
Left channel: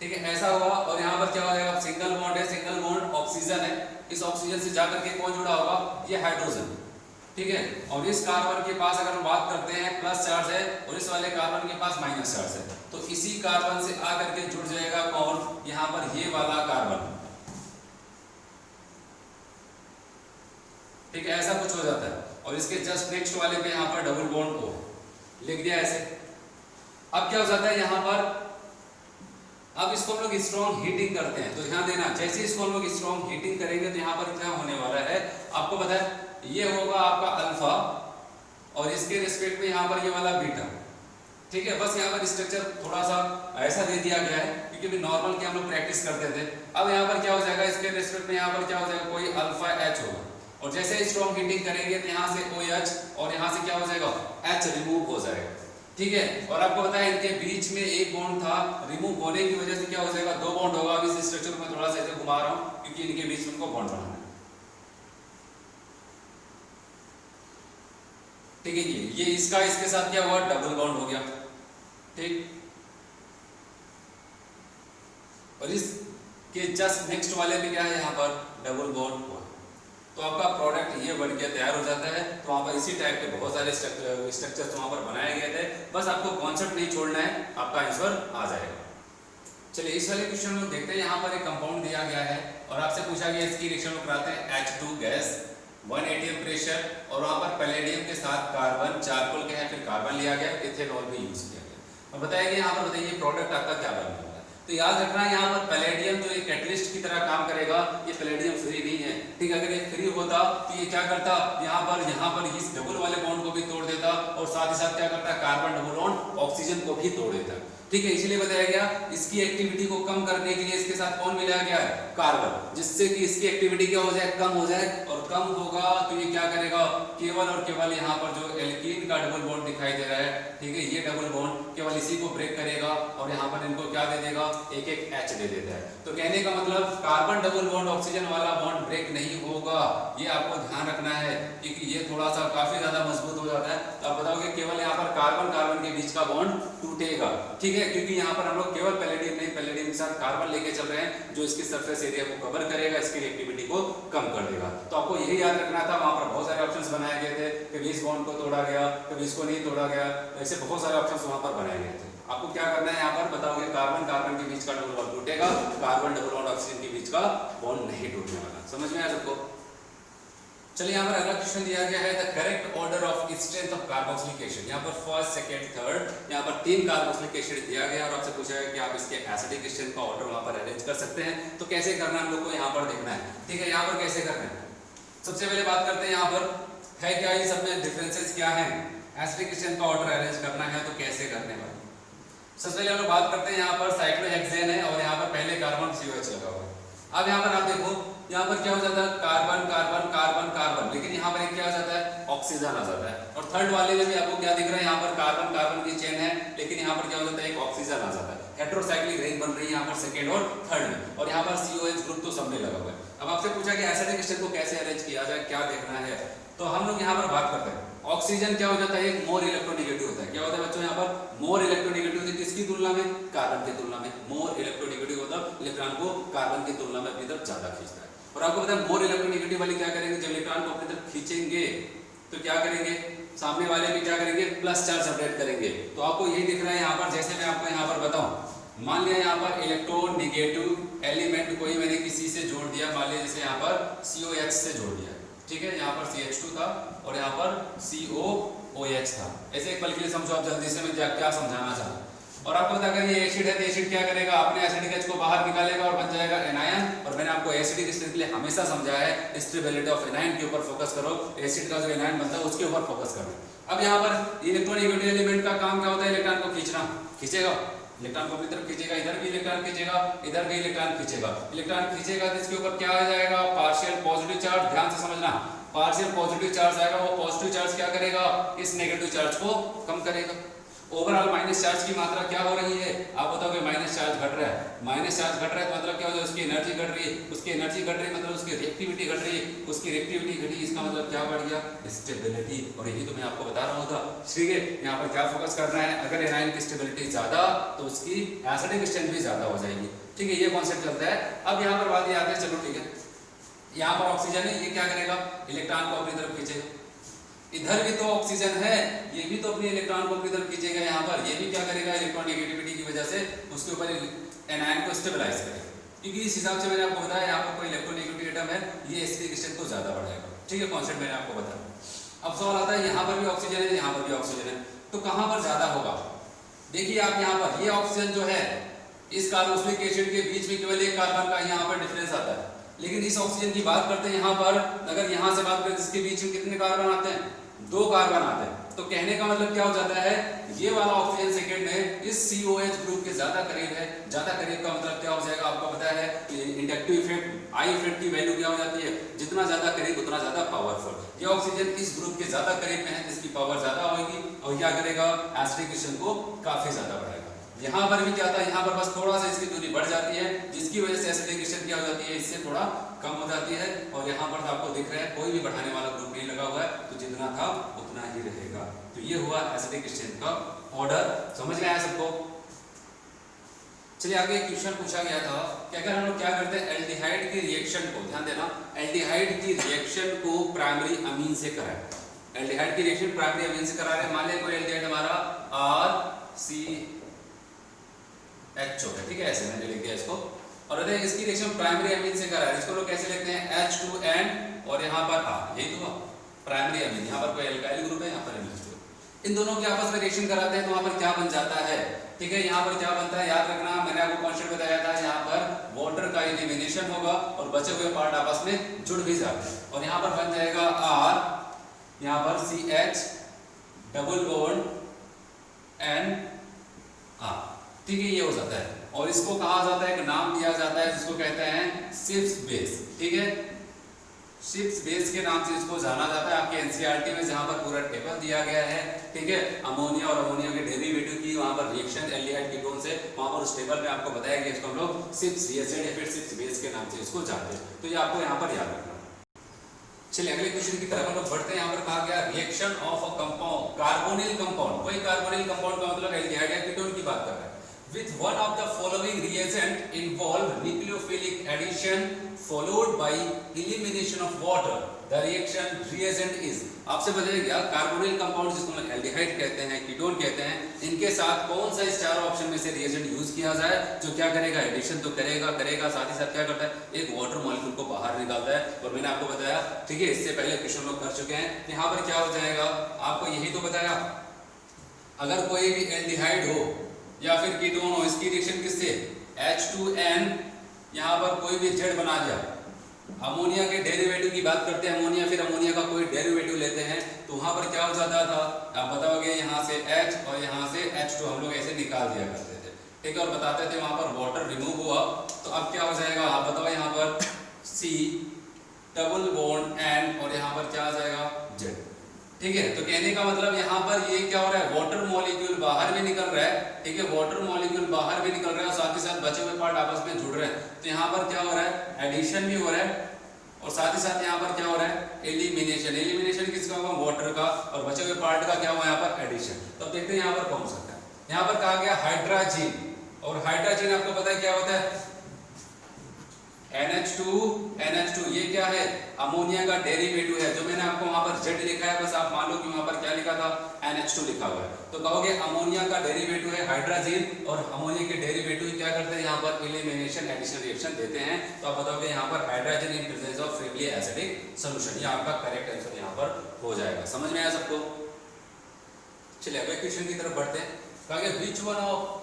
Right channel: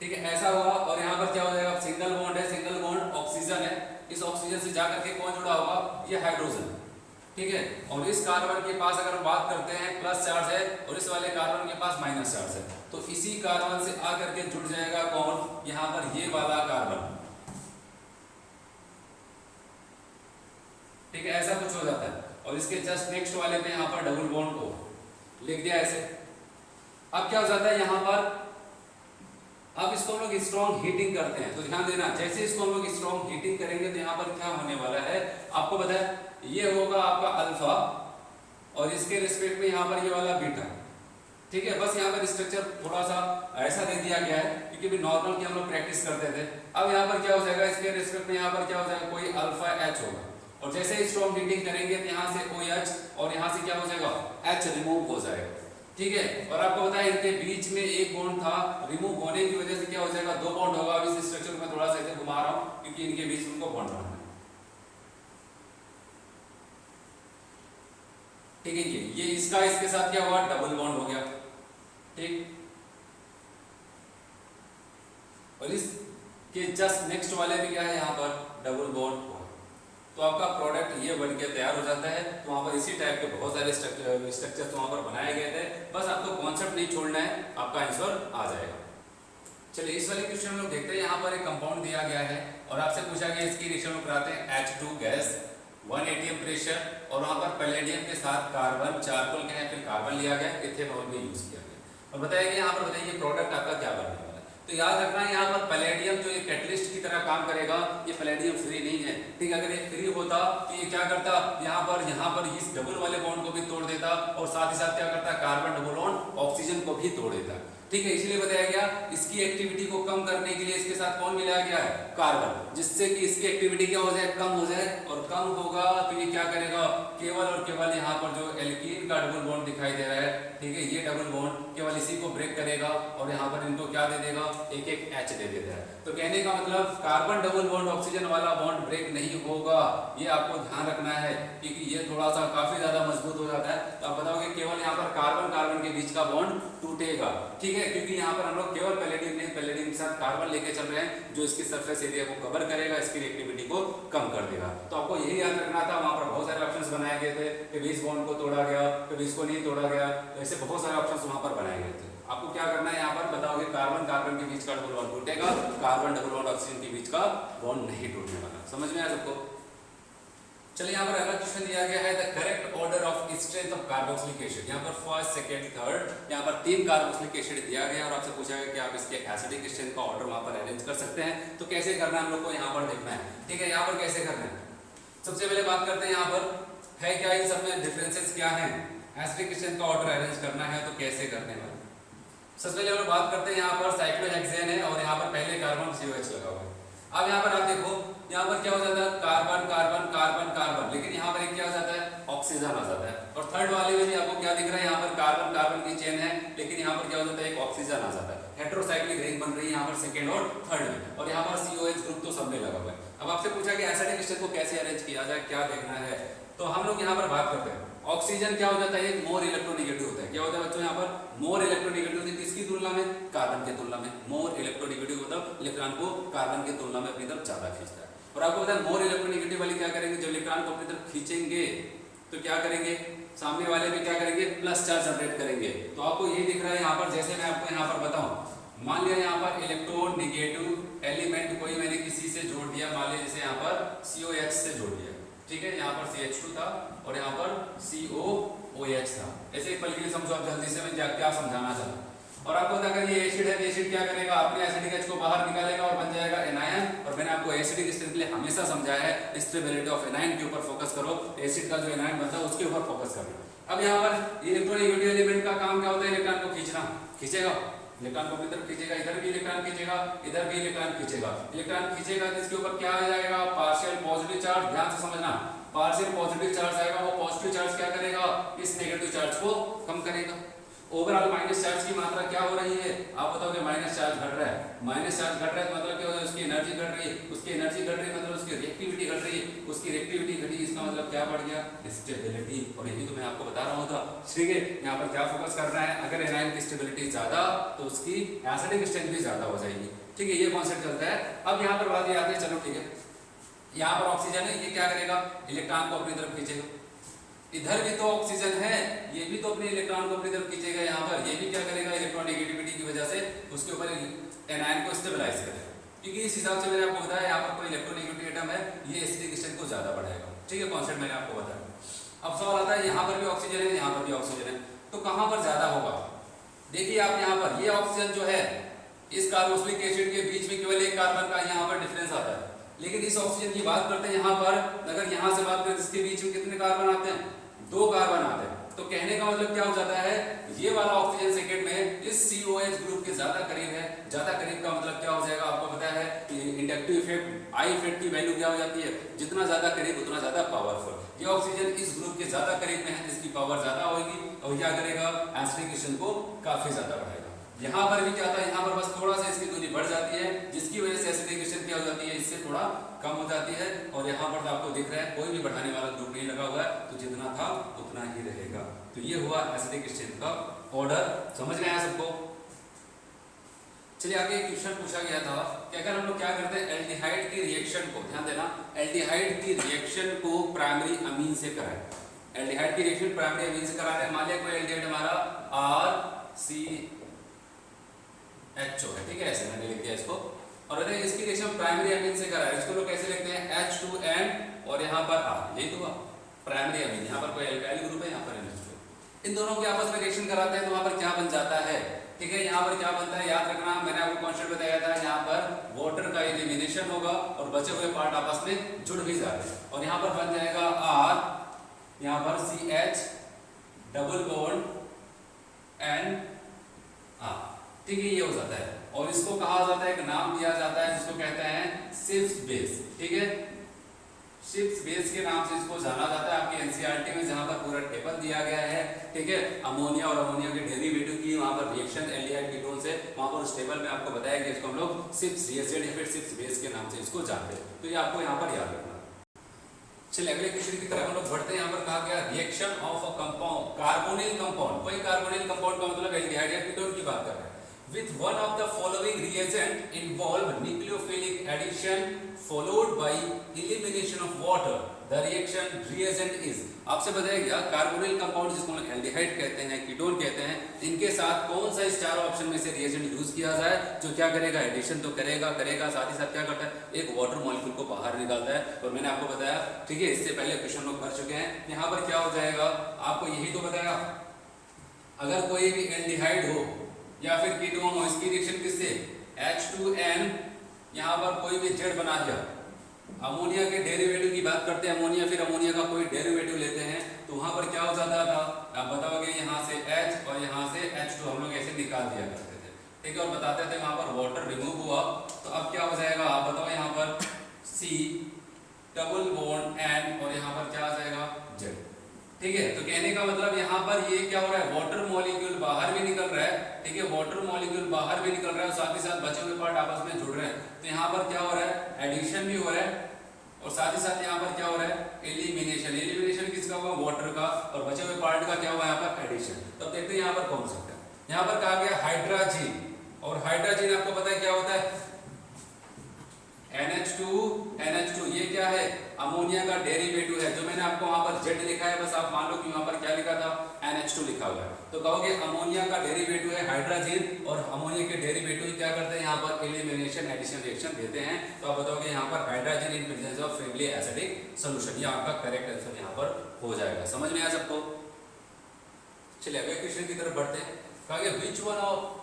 ठीक है, ऐसा हुआ। और यहाँ पर क्या हो जाएगा, सिंगल बॉन्ड है, सिंगल बॉन्ड ऑक्सीजन है, इस ऑक्सीजन से जाकर के कौन जुड़ा होगा, ये हाइड्रोजन, ठीक है। और इस कार्बन के पास अगर हम बात करते हैं प्लस चार्ज है और इस वाले कार्बन के पास माइनस चार्ज है, तो इसी कार्बन से आकर के जुड़ जाएगा कौन, यहाँ पर ये वाला कार्बन, ठीक है, ऐसा कुछ हो जाता है। और इसके जस्ट नेक्स्ट वाले पे यहाँ पर डबल बॉन्ड को लिख दिया ऐसे। अब क्या हो जाता है यहाँ पर, अब इसको हम लोग स्ट्रॉन्ग हीटिंग करते हैं, तो ध्यान देना, जैसे इसको हम लोग स्ट्रॉन्ग हीटिंग करेंगे तो यहाँ पर क्या होने वाला है, आपको पता है ये होगा आपका अल्फा और इसके रिस्पेक्ट में यहाँ पर ये वाला बीटा, ठीक है। बस यहाँ पर स्ट्रक्चर थोड़ा सा ऐसा दे दिया गया है क्योंकि भी नॉर्मल की हम लोग प्रैक्टिस करते थे। अब यहाँ पर क्या हो जाएगा, इसके रिस्पेक्ट में यहाँ पर क्या हो जाएगा, कोई अल्फा H होगा और जैसे ही स्ट्रॉन्ग हीटिंग करेंगे तो यहाँ से OH और यहाँ से क्या हो जाएगा, H रिमूव हो जाएगा, ठीक है। और आपको पता है इनके बीच में एक बॉन्ड था, रिमूव होने की वजह से क्या हो जाएगा, 2 बॉन्ड होगा। अब इस स्ट्रक्चर को मैं थोड़ा सा ऐसे घुमा रहा हूँ क्योंकि इनके बीच में इनको बॉन्ड बनाना है, ठीक है। ये इसका इसके साथ क्या हुआ, डबल बॉन्ड हो गया, ठीक। और इसके जस्ट नेक्स्ट वाले में क्या है, यहाँ पर डबल बॉन्ड हुआ, तो आपका प्रोडक्ट ये बन के तैयार हो जाता है। तो वहाँ पर इसी टाइप के बहुत सारे स्ट्रक्चर्स वहाँ पर बनाए गए थे, बस आपको कॉन्सेप्ट नहीं छोड़ना है, आपका आंसर आ जाएगा। चलिए इस वाले क्वेश्चन में देखते हैं, यहाँ पर एक कंपाउंड दिया गया है और आपसे पूछा गया इसकी रिएक्शन में कराते हैं H2 गैस 1 atm प्रेशर और वहाँ पर पैलेडियम के साथ कार्बन चारकोल का है, फिर कार्बन लिया गया, इथेनॉल भी यूज किया गया और बताया गया यहाँ पर बताइए प्रोडक्ट आपका क्या बनने वाला है। तो याद रखना है यहाँ पर पैलेडियम जो एक कैटलिस्ट की तरह काम करेगा, ये पैलेडियम फ्री नहीं है, ठीक है। अगर ये फ्री होता तो ये क्या करता, यहाँ पर इस डबल वाले बॉन्ड को भी तोड़ देता और साथ ही साथ क्या करता, कार्बन डबल बॉन्ड ऑक्सीजन को भी तोड़ देता, ठीक है। इसीलिए बताया गया इसकी एक्टिविटी को कम करने के लिए इसके साथ कौन मिलाया गया है, कार्बन, जिससे कि इसकी एक्टिविटी क्या हो जाए, कम हो जाए। और कम होगा तो ये क्या करेगा, केवल और केवल यहाँ पर जो एल्कीन का डबल बॉन्ड दिखाई दे रहा है, ठीक है, ये डबल बॉन्ड केवल इसी को ब्रेक करेगा और यहाँ पर इनको क्या दे देगा, एक एक H दे देता है। तो कहने का मतलब कार्बन डबल बॉन्ड ऑक्सीजन वाला बॉन्ड ब्रेक नहीं होगा, ये आपको ध्यान रखना है, क्योंकि ये थोड़ा सा काफी ज्यादा मजबूत हो जाता है। तो आप बताओगे केवल यहाँ पर कार्बन कार्बन के बीच का बॉन्ड टूटेगा, ठीक है, क्योंकि यहाँ पर हम लोग केवल पैलेडियम नहीं, पैलेडियम के साथ कार्बन लेके चल रहे हैं, जो इसकी सरफेस एरिया को कवर करेगा, इसकी एक्टिविटी को कम कर देगा। तो आपको यही याद रखना था। वहां पर बहुत सारे ऑप्शंस बनाए गए थे, कभी इस बॉन्ड को तोड़ा गया, कभी इसको नहीं तोड़ा गया, ऐसे बहुत सारे ऑप्शंस वहां पर बनाए गए थे। आपको क्या करना है, यहाँ पर बताओगे कार्बन कार्बन के बीच का डबल बॉन्ड टूटेगा, कार्बन डबल बॉन्ड ऑक्सीजन के बीच का बॉन्ड नहीं टूटने वाला। समझ में आया सबको? चलिए यहाँ पर अगला क्वेश्चन दिया गया है, the correct order of strength of carboxylic acid. यहाँ पर फर्स्ट सेकंड थर्ड यहाँ पर 3 कार्बोक्सिलिक एसिड दिया गया और आपसे पूछा गया कि आप इसके एसिडिक स्ट्रेंथ का ऑर्डर वहाँ पर अरेंज कर सकते हैं। तो कैसे करना है हम लोग को यहाँ पर देखना है, ठीक है। यहाँ पर कैसे करना है, सबसे पहले बात करते हैं यहाँ पर है क्या, इन सब में डिफरेंसेस क्या है, एसिडिक स्ट्रेंथ का ऑर्डर अरेंज करना है तो कैसे करने हैं। सबसे पहले हम लोग बात करते हैं यहाँ पर साइक्लोहेक्सेन है और यहाँ पर पहले कार्बन COH लगा हुआ है। अब यहाँ पर आप देखो, यहाँ पर क्या हो जाता है, कार्बन कार्बन कार्बन कार्बन, लेकिन यहाँ पर एक क्या हो जाता है, ऑक्सीजन आ जाता है। और थर्ड वाले में भी आपको क्या दिख रहा है, यहाँ पर कार्बन कार्बन की चेन है, लेकिन यहाँ पर क्या हो जाता है, एक ऑक्सीजन आ जाता है। हेटेरोसाइक्लिक रिंग बन रही है यहाँ पर सेकंड और थर्ड में, और यहाँ पर COH ग्रुप तो सबने लगा हुआ है। अब आपसे पूछा कि एसिडिक स्ट्रेंथ को कैसे अरेंज किया जाए, क्या देखना है, तो हम लोग यहाँ पर बात करते हैं। ऑक्सीजन क्या हो जाता है, एक मोर इलेक्ट्रोनेगेटिव होता है। क्या होता है बच्चों, यहाँ पर मोर इलेक्ट्रोनेगेटिव होता है, किसकी तुलना में, कार्बन की तुलना में। मोर इलेक्ट्रोनेगेटिव मतलब इलेक्ट्रॉन को कार्बन की तुलना में अपनी तरफ ज्यादा खींचता है। और आपको पता है मोर इलेक्ट्रोनेगेटिव वाली क्या करेंगे, जब इलेक्ट्रॉन को अपनी तरफ खींचेंगे तो क्या करेंगे, सामने वाले में क्या करेंगे, प्लस चार्ज जनरेट करेंगे। तो आपको यही दिख रहा है यहाँ पर, जैसे मैं आपको यहाँ पर बताऊं, मान लिया यहाँ पर इलेक्ट्रोनेगेटिव एलिमेंट कोई मैंने किसी से जोड़ दिया, मान लिया जैसे यहाँ पर COH से जोड़ दिया, ठीक है, यहाँ पर CH2 था और यहाँ पर COOH था। ऐसे एक पल के लिए समझो आप जल्दी से, मैं क्या क्या समझाना चाहूँ। और आपको पता अगर ये एसिड है तो एसिड क्या करेगा, अपने एसिडिक H को बाहर निकालेगा और बन जाएगा एनायन। और मैंने आपको एसिडिक स्ट्रेंथ के लिए हमेशा समझाया है, स्टेबिलिटी ऑफ एनायन के ऊपर फोकस करो, एसिड का जो एनायन बनता है उसके ऊपर फोकस करो। अब यहाँ पर इलेक्ट्रोनेगेटिव एलिमेंट का काम क्या होता है, इलेक्ट्रॉन को खींचना, खींचेगा इलेक्ट्रॉन को अपनी तरफ खींचेगा, इधर भी इलेक्ट्रॉन खींचेगा, इधर भी इलेक्ट्रॉन खींचेगा। इलेक्ट्रॉन खींचेगा तो इसके ऊपर क्या आ जाएगा, पार्शियल पॉजिटिव चार्ज। ध्यान से समझना, पार्शियल पॉजिटिव चार्ज आएगा, वो पॉजिटिव चार्ज क्या करेगा, इस नेगेटिव चार्ज को कम करेगा। ओवरऑल माइनस चार्ज की मात्रा क्या हो रही है, आप बताओगे माइनस चार्ज घट रहा है। माइनस चार्ज घट रहा है तो मतलब क्या हो जाए, उसकी एनर्जी घट रही है, उसकी एनर्जी घट रही है मतलब उसकी रिएक्टिविटी घट रही है, उसकी रिएक्टिविटी घटी, इसका मतलब क्या बढ़ गया, स्टेबिलिटी। और यही तो मैं आपको बता रहा होता, ठीक है। यहाँ पर क्या फोकस करना है, अगर एनायन की स्टेबिलिटी ज्यादा तो उसकी एसिडिक स्ट्रेंथ भी ज्यादा हो जाएगी, ठीक है, ये कॉन्सेप्ट चलता है। अब यहाँ पर बात ये आती है, चलो ठीक है, यहाँ पर ऑक्सीजन है, ये क्या करेगा, इलेक्ट्रॉन को अपनी तरफ खींचेगा। इधर भी तो ऑक्सीजन है, ये भी तो अपने इलेक्ट्रॉन को अपनी तरफ खींचेगा। यहाँ पर ये भी क्या करेगा, इलेक्ट्रॉन नेगेटिविटी की वजह से उसके ऊपर एनायन को स्टेबलाइज करेगा। क्योंकि इस हिसाब से मैंने आपको बताया, यहाँ पर कोई इलेक्ट्रोनेगेटिव एटम है, ये एसिडिक स्ट्रेंथ को ज्यादा बढ़ाएगा, ठीक है, कॉन्सेप्ट मैंने आपको बताया। अब सवाल आता है, यहाँ पर भी ऑक्सीजन है, यहाँ पर भी ऑक्सीजन है, तो कहाँ पर ज्यादा होगा। देखिए आप यहाँ पर ये ऑक्सीजन जो है, इस कार्बोक्सिलिक एसिड के बीच में केवल एक कार्बन का यहाँ पर डिफरेंस आता है। लेकिन इस ऑक्सीजन की बात करते हैं, यहाँ पर अगर यहाँ से बात करें तो इसके बीच में कितने कार्बन आते हैं, 2 कार्बन आते हैं। तो कहने का मतलब क्या हो जाता है, ये वाला ऑक्सीजन सेकेंड में इस COH ग्रुप के ज्यादा करीब है। ज्यादा करीब का मतलब क्या हो जाएगा, आपको पता है इंडक्टिव इफेक्ट, आई इफेक्ट की वैल्यू क्या हो जाती है, जितना ज्यादा करीब उतना ज्यादा पावरफुल। ये ऑक्सीजन इस ग्रुप के ज्यादा करीब में है, इसकी पावर ज्यादा होगी और क्या करेगा, एसिडिक स्ट्रेंथ को काफी ज्यादा बढ़ाएगा। यहाँ पर भी क्या था, यहाँ पर बस थोड़ा सा इसकी दूरी बढ़ जाती है, जिसकी वजह से एसिडिक स्ट्रेंथ क्या हो जाती है, इससे थोड़ा कम हो जाती है। और यहाँ पर आपको दिख रहा है कोई भी बढ़ाने वाला ग्रुप नहीं लगा हुआ है, तो जितना था उतना ही रहेगा। तो ये हुआ एसिडिक स्ट्रेंथ का ऑर्डर। समझ में आया सबको? चलिए आगे एक क्वेश्चन पूछा गया था कि अगर हम लोग क्या करते हैं एल्डिहाइड की रिएक्शन को, ध्यान देना, एल्डिहाइड की रिएक्शन को प्राइमरी अमीन से कराएं। एल्डिहाइड की रिएक्शन प्राइमरी अमीन से करा रहे हैं। मान लें कोई एल्डिहाइड हमारा RCHO है, ठीक है, ऐसे मैंने लिख दिया इसको, और अगर इसकी रिएक्शन प्राइमरी अमीन से करा रहे हैं, इसको लोग कैसे लिखते हैं H2N और यहाँ पर R, यही तो प्राइमरी अमीन, यहाँ पर कोई एल्काइल ग्रुप है, यहाँ पर NH2। इन दोनों की आपस में रिएक्शन कराते हैं तो वहां पर क्या बन जाता है, ठीक है, यहाँ पर क्या बनता है याद रखना, मैंने आपको कॉन्सेप्ट बताया था, यहाँ पर वाटर का एलिमिनेशन होगा और बचे हुए पार्ट आपस में जुड़ भी जाते हैं, और यहाँ पर बन जाएगा R, यहाँ पर CH double bond N R, ठीक है, ये हो जाता है। और इसको कहा जाता है, एक नाम दिया जाता है जिसको कहते हैं शिप्स बेस, ठीक है, शिप्स बेस के नाम से इसको जाना जाता है। आपके एनसीईआरटी में जहां पर पूरा टेबल दिया गया है, ठीक है, अमोनिया और अमोनिया के डेरिवेटिव की वहां पर रिएक्शन एल्डिहाइड कीटोन से, वहां पर उस टेबल में आपको बताया गया, इसको हम लोग शिप्स रिएजेंट या फिर शिप्स बेस के नाम से इसको जानते हैं, तो ये आपको यहाँ पर याद रखना। चलिए अगले क्वेश्चन की तरफ हम लोग बढ़ते हैं। यहाँ पर कहा गया reaction of a compound, carbonyl compound, कोई कार्बोनिल कंपाउंड का मतलब एल्डिहाइड या कीटोन की बात कर रहे हैं, with one of the following reagent involve nucleophilic addition followed by elimination of water, the reaction reagent is, आपसे बताया गया कार्बोनिल कंपाउंड जिसको हम एल्डिहाइड कहते हैं, कीटोन कहते हैं, इनके साथ कौन सा इस चारों ऑप्शन में से रिएजेंट यूज किया जाए जो क्या करेगा, एडिशन तो करेगा साथ ही साथ क्या करता है, एक वाटर मॉलिक्यूल को बाहर निकालता है। और मैंने आपको बताया, ठीक है, इससे पहले क्वेश्चन लोग कर चुके हैं, यहाँ पर क्या हो जाएगा, आपको यही तो बताया, अगर कोई भी एल्डिहाइड हो या फिर कीटोन हो, इसकी रिएक्शन किससे, H2N, यहाँ पर कोई भी जेड बना दिया, अमोनिया के डेरिवेटिव की बात करते हैं, अमोनिया, फिर अमोनिया का कोई डेरिवेटिव लेते हैं, तो वहां पर क्या हो जाता था, आप बताओगे यहाँ से H और यहाँ से H2 हम लोग ऐसे निकाल दिया करते थे, ठीक है, और बताते थे वहां पर वाटर रिमूव हुआ, तो अब क्या हो जाएगा, आप बताओ, यहाँ पर C डबल बॉन्ड N और यहाँ पर क्या आ जाएगा Z, ठीक है। तो कहने का मतलब यहाँ पर ये क्या हो रहा है, वाटर मॉलिक्यूल बाहर भी निकल रहा है, ठीक है, वाटर मॉलिक्यूल बाहर भी निकल रहा है और साथ ही साथ बचे हुए पार्ट आपस में जुड़ रहे हैं, तो यहाँ पर क्या हो रहा है, एडिशन भी हो रहा है और साथ ही साथ यहाँ पर क्या हो रहा है, एलिमिनेशन। एलिमिनेशन किसका होगा, वाटर का, और बचे हुए पार्ट का क्या हुआ यहाँ पर, एडिशन। तब देखते हैं यहाँ पर कौन सकता है, यहाँ पर कहा गया हाइड्रोजन, और हाइड्रोजन आपको पता है क्या होता है, NH2, ये क्या है, अमोनिया का डेरिवेटिव है, जो मैंने आपको वहां पर Z लिखा है, बस आप मान लो कि वहां पर क्या लिखा था, NH2 लिखा हुआ है, तो कहोगे अमोनिया का डेरिवेटिव है हाइड्रोजन, और अमोनिया के डेरिवेटिव क्या करते हैं, यहाँ पर एलिमिनेशन एडिशन रिएक्शन देते हैं, तो आप बताओगे यहाँ पर hydrogen in presence of friendly acidic solution, ये आपका करेक्ट आंसर यहाँ पर हो जाएगा। समझ में आया सबको? चलिए अगले क्वेश्चन की तरफ बढ़ते हैं। कहा गया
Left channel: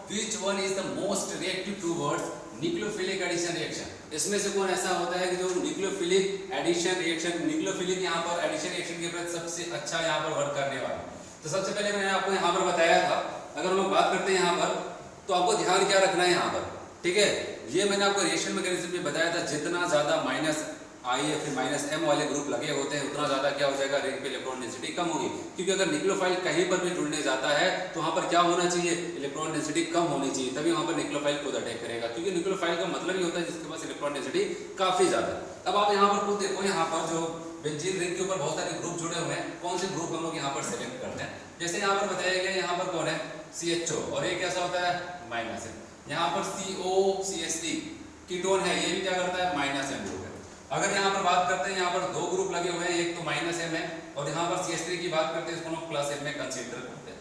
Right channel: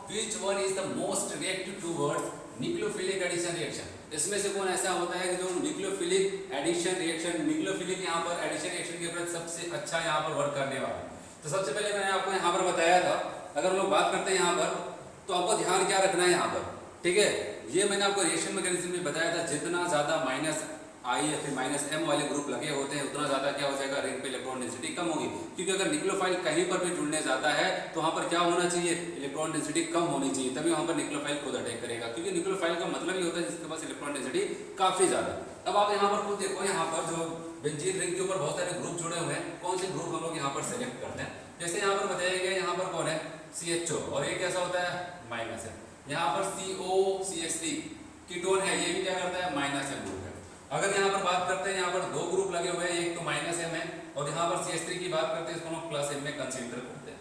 which one is the most reactive towards nucleophilic addition reaction, इसमें से कौन ऐसा होता है कि जो न्यूक्लियोफिलिक एडिशन रिएक्शन, न्यूक्लियोफिलिक यहाँ पर एडिशन रिएक्शन के प्रति सबसे अच्छा यहाँ पर वर्क करने वाला। तो सबसे पहले मैंने आपको यहाँ पर बताया था, अगर हम लोग बात करते हैं यहाँ पर, तो आपको ध्यान क्या रखना है यहाँ पर, ठीक है, ये मैंने आपको रिएक्शन मैकेनिज्म में बताया था, जितना ज्यादा माइनस I या फिर माइनस M वाले ग्रुप लगे होते हैं उतना ज्यादा क्या हो जाएगा, रिंग पे इलेक्ट्रॉन डेंसिटी कम होगी, क्योंकि अगर न्यूक्लियोफाइल कहीं पर भी जुड़ने जाता है तो वहां पर क्या होना चाहिए, इलेक्ट्रॉन डेंसिटी कम होनी चाहिए, तभी वहां पर न्यूक्लियोफाइल खुद अटैक करेगा, क्योंकि न्यूक्लियोफाइल का मतलब ही होता है जिसके पास इलेक्ट्रॉन डेंसिटी काफी ज्यादा है। अब आप यहाँ पर खुद देखो, यहाँ पर जो बेंजीन रिंग के ऊपर बहुत सारे ग्रुप जुड़े हुए हैं, कौन से ग्रुप हम लोग यहाँ पर सिलेक्ट करते हैं, जैसे यहाँ पर बताया गया, यहाँ पर कौन है, CHO, और ये कैसा होता है, माइनस है, यहाँ पर COCH3 कीटोन है, ये भी क्या करता है, माइनस M ग्रुप है। अगर यहाँ पर बात करते हैं, यहाँ पर दो ग्रुप लगे हुए हैं, एक तो माइनस M है, और यहाँ पर CH3 की बात करते हैं, इसको हम प्लस M में कंसीडर करते हैं।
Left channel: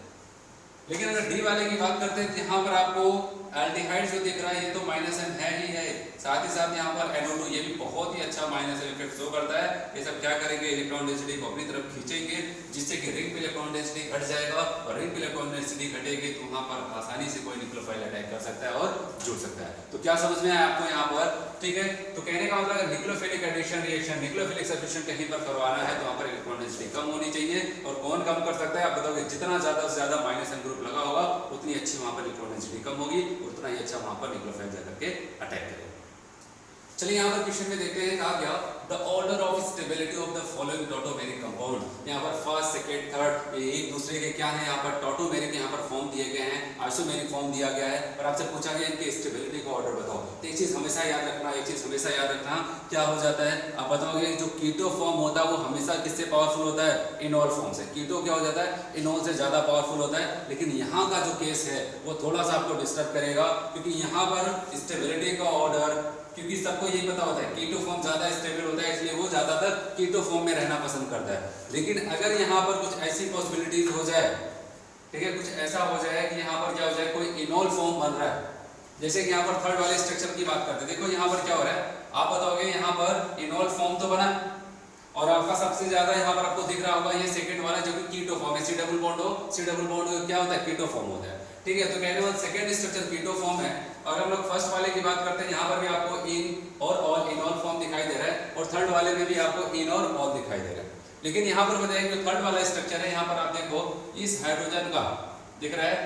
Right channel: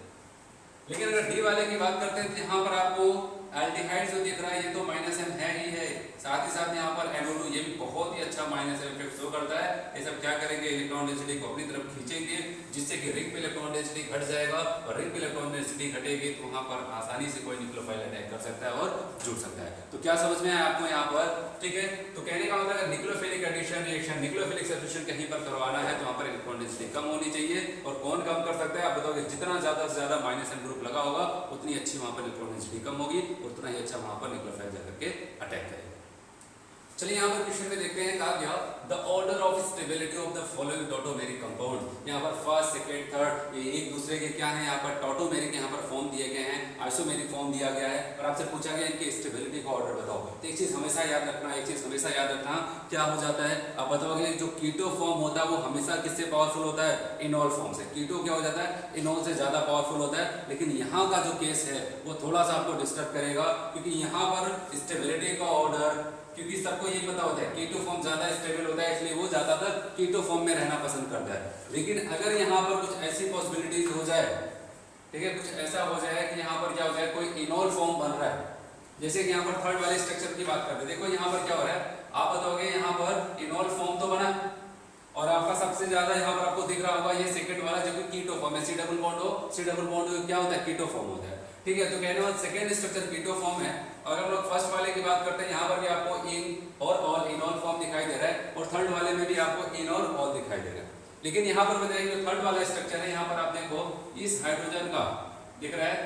लेकिन अगर D वाले की बात करते हैं, यहाँ पर आपको एल्डिहाइड जो दिख रहा है, ये तो माइनस M है ही है, साथ ही साथ यहाँ पर NO2, ये भी बहुत ही अच्छा माइनस M इफेक्ट शो करता है। ये सब क्या करेंगे, इलेक्ट्रॉन डेंसिटी को अपनी तरफ खींचेंगे, जिससे कि रिंग पे इलेक्ट्रॉन डेंसिटी घट जाएगा, और रिंग पे इलेक्ट्रॉन डेंसिटी घटेगी तो वहां पर आसानी से कोई न्यूक्लियोफाइल अटैक कर सकता है और जुड़ सकता है। तो क्या समझ में आया आपको यहाँ पर, ठीक है। तो कहने का मतलब अगर nucleophilic addition reaction, nucleophilic substitution कहीं पर करवाना है तो वहां पर इलेक्ट्रॉन डेंसिटी कम होनी चाहिए, और कौन कम कर सकता है, आप बताओगे, जितना ज्यादा से ज्यादा माइनस M ग्रुप लगा होगा उतनी अच्छी वहां पर इलेक्ट्रॉन डेंसिटी कम होगी, उतना ही अच्छा वहां पर न्यूक्लियोफाइल जाकर के अटैक करेगा। चलिए यहाँ पर क्वेश्चन में देखते हैं, कहा गया the order of stability of the following tautomeric compound, यहाँ पर फर्स्ट सेकंड थर्ड ये एक दूसरे के क्या है, यहाँ पर टॉटोमेरिक यहाँ पर फॉर्म दिए गए हैं, आइसोमेरिक फॉर्म दिया गया है और आपसे पूछा गया इनके स्टेबिलिटी का ऑर्डर बताओ। तो एक चीज हमेशा याद रखना, एक चीज हमेशा याद रखना, क्या हो जाता है आप बताओगे, जो कीटो फॉर्म होता है वो हमेशा किससे पावरफुल होता है, इनॉल फॉर्म से। कीटो क्या हो जाता है, इनॉल से ज्यादा पावरफुल होता है। लेकिन यहाँ का जो केस है वो थोड़ा सा आपको डिस्टर्ब करेगा, क्योंकि यहाँ पर स्टेबिलिटी का ऑर्डर, क्योंकि सबको यही पता होता है कीटो फॉर्म ज्यादा स्टेबल होता है, इसलिए वो ज्यादातर कीटो फॉर्म में रहना पसंद करता है। लेकिन अगर यहाँ पर कुछ ऐसी पॉसिबिलिटीज हो जाए, ठीक है, कुछ ऐसा हो जाए कि यहाँ पर क्या हो जाए, कोई इनॉल फॉर्म बन रहा है, जैसे कि यहाँ पर थर्ड वाले स्ट्रक्चर की बात करते हैं। देखो यहाँ पर क्या हो रहा है, आप बताओगे यहाँ पर इनॉल फॉर्म तो बना और आपका सबसे ज्यादा यहाँ पर आपको दिख रहा होगा ये सेकंड वाला जो कि कीटो फॉर्म है, सी डबल बॉन्ड हो, सी डबल बॉन्ड क्या होता है, कीटो फॉर्म होता है। ठीक है, तो कहने वाला सेकंड स्ट्रक्चर कीटो फॉर्म है। और हम लोग फर्स्ट वाले की बात करते हैं, यहाँ पर भी आपको इन और ऑल, इनॉल फॉर्म दिखाई दे रहा है, और थर्ड वाले में भी आपको इन और ऑल दिखाई दे रहा है। लेकिन यहाँ पर बताइए जो थर्ड वाला स्ट्रक्चर है, यहाँ पर आप देखो इस हाइड्रोजन का दिख रहा है,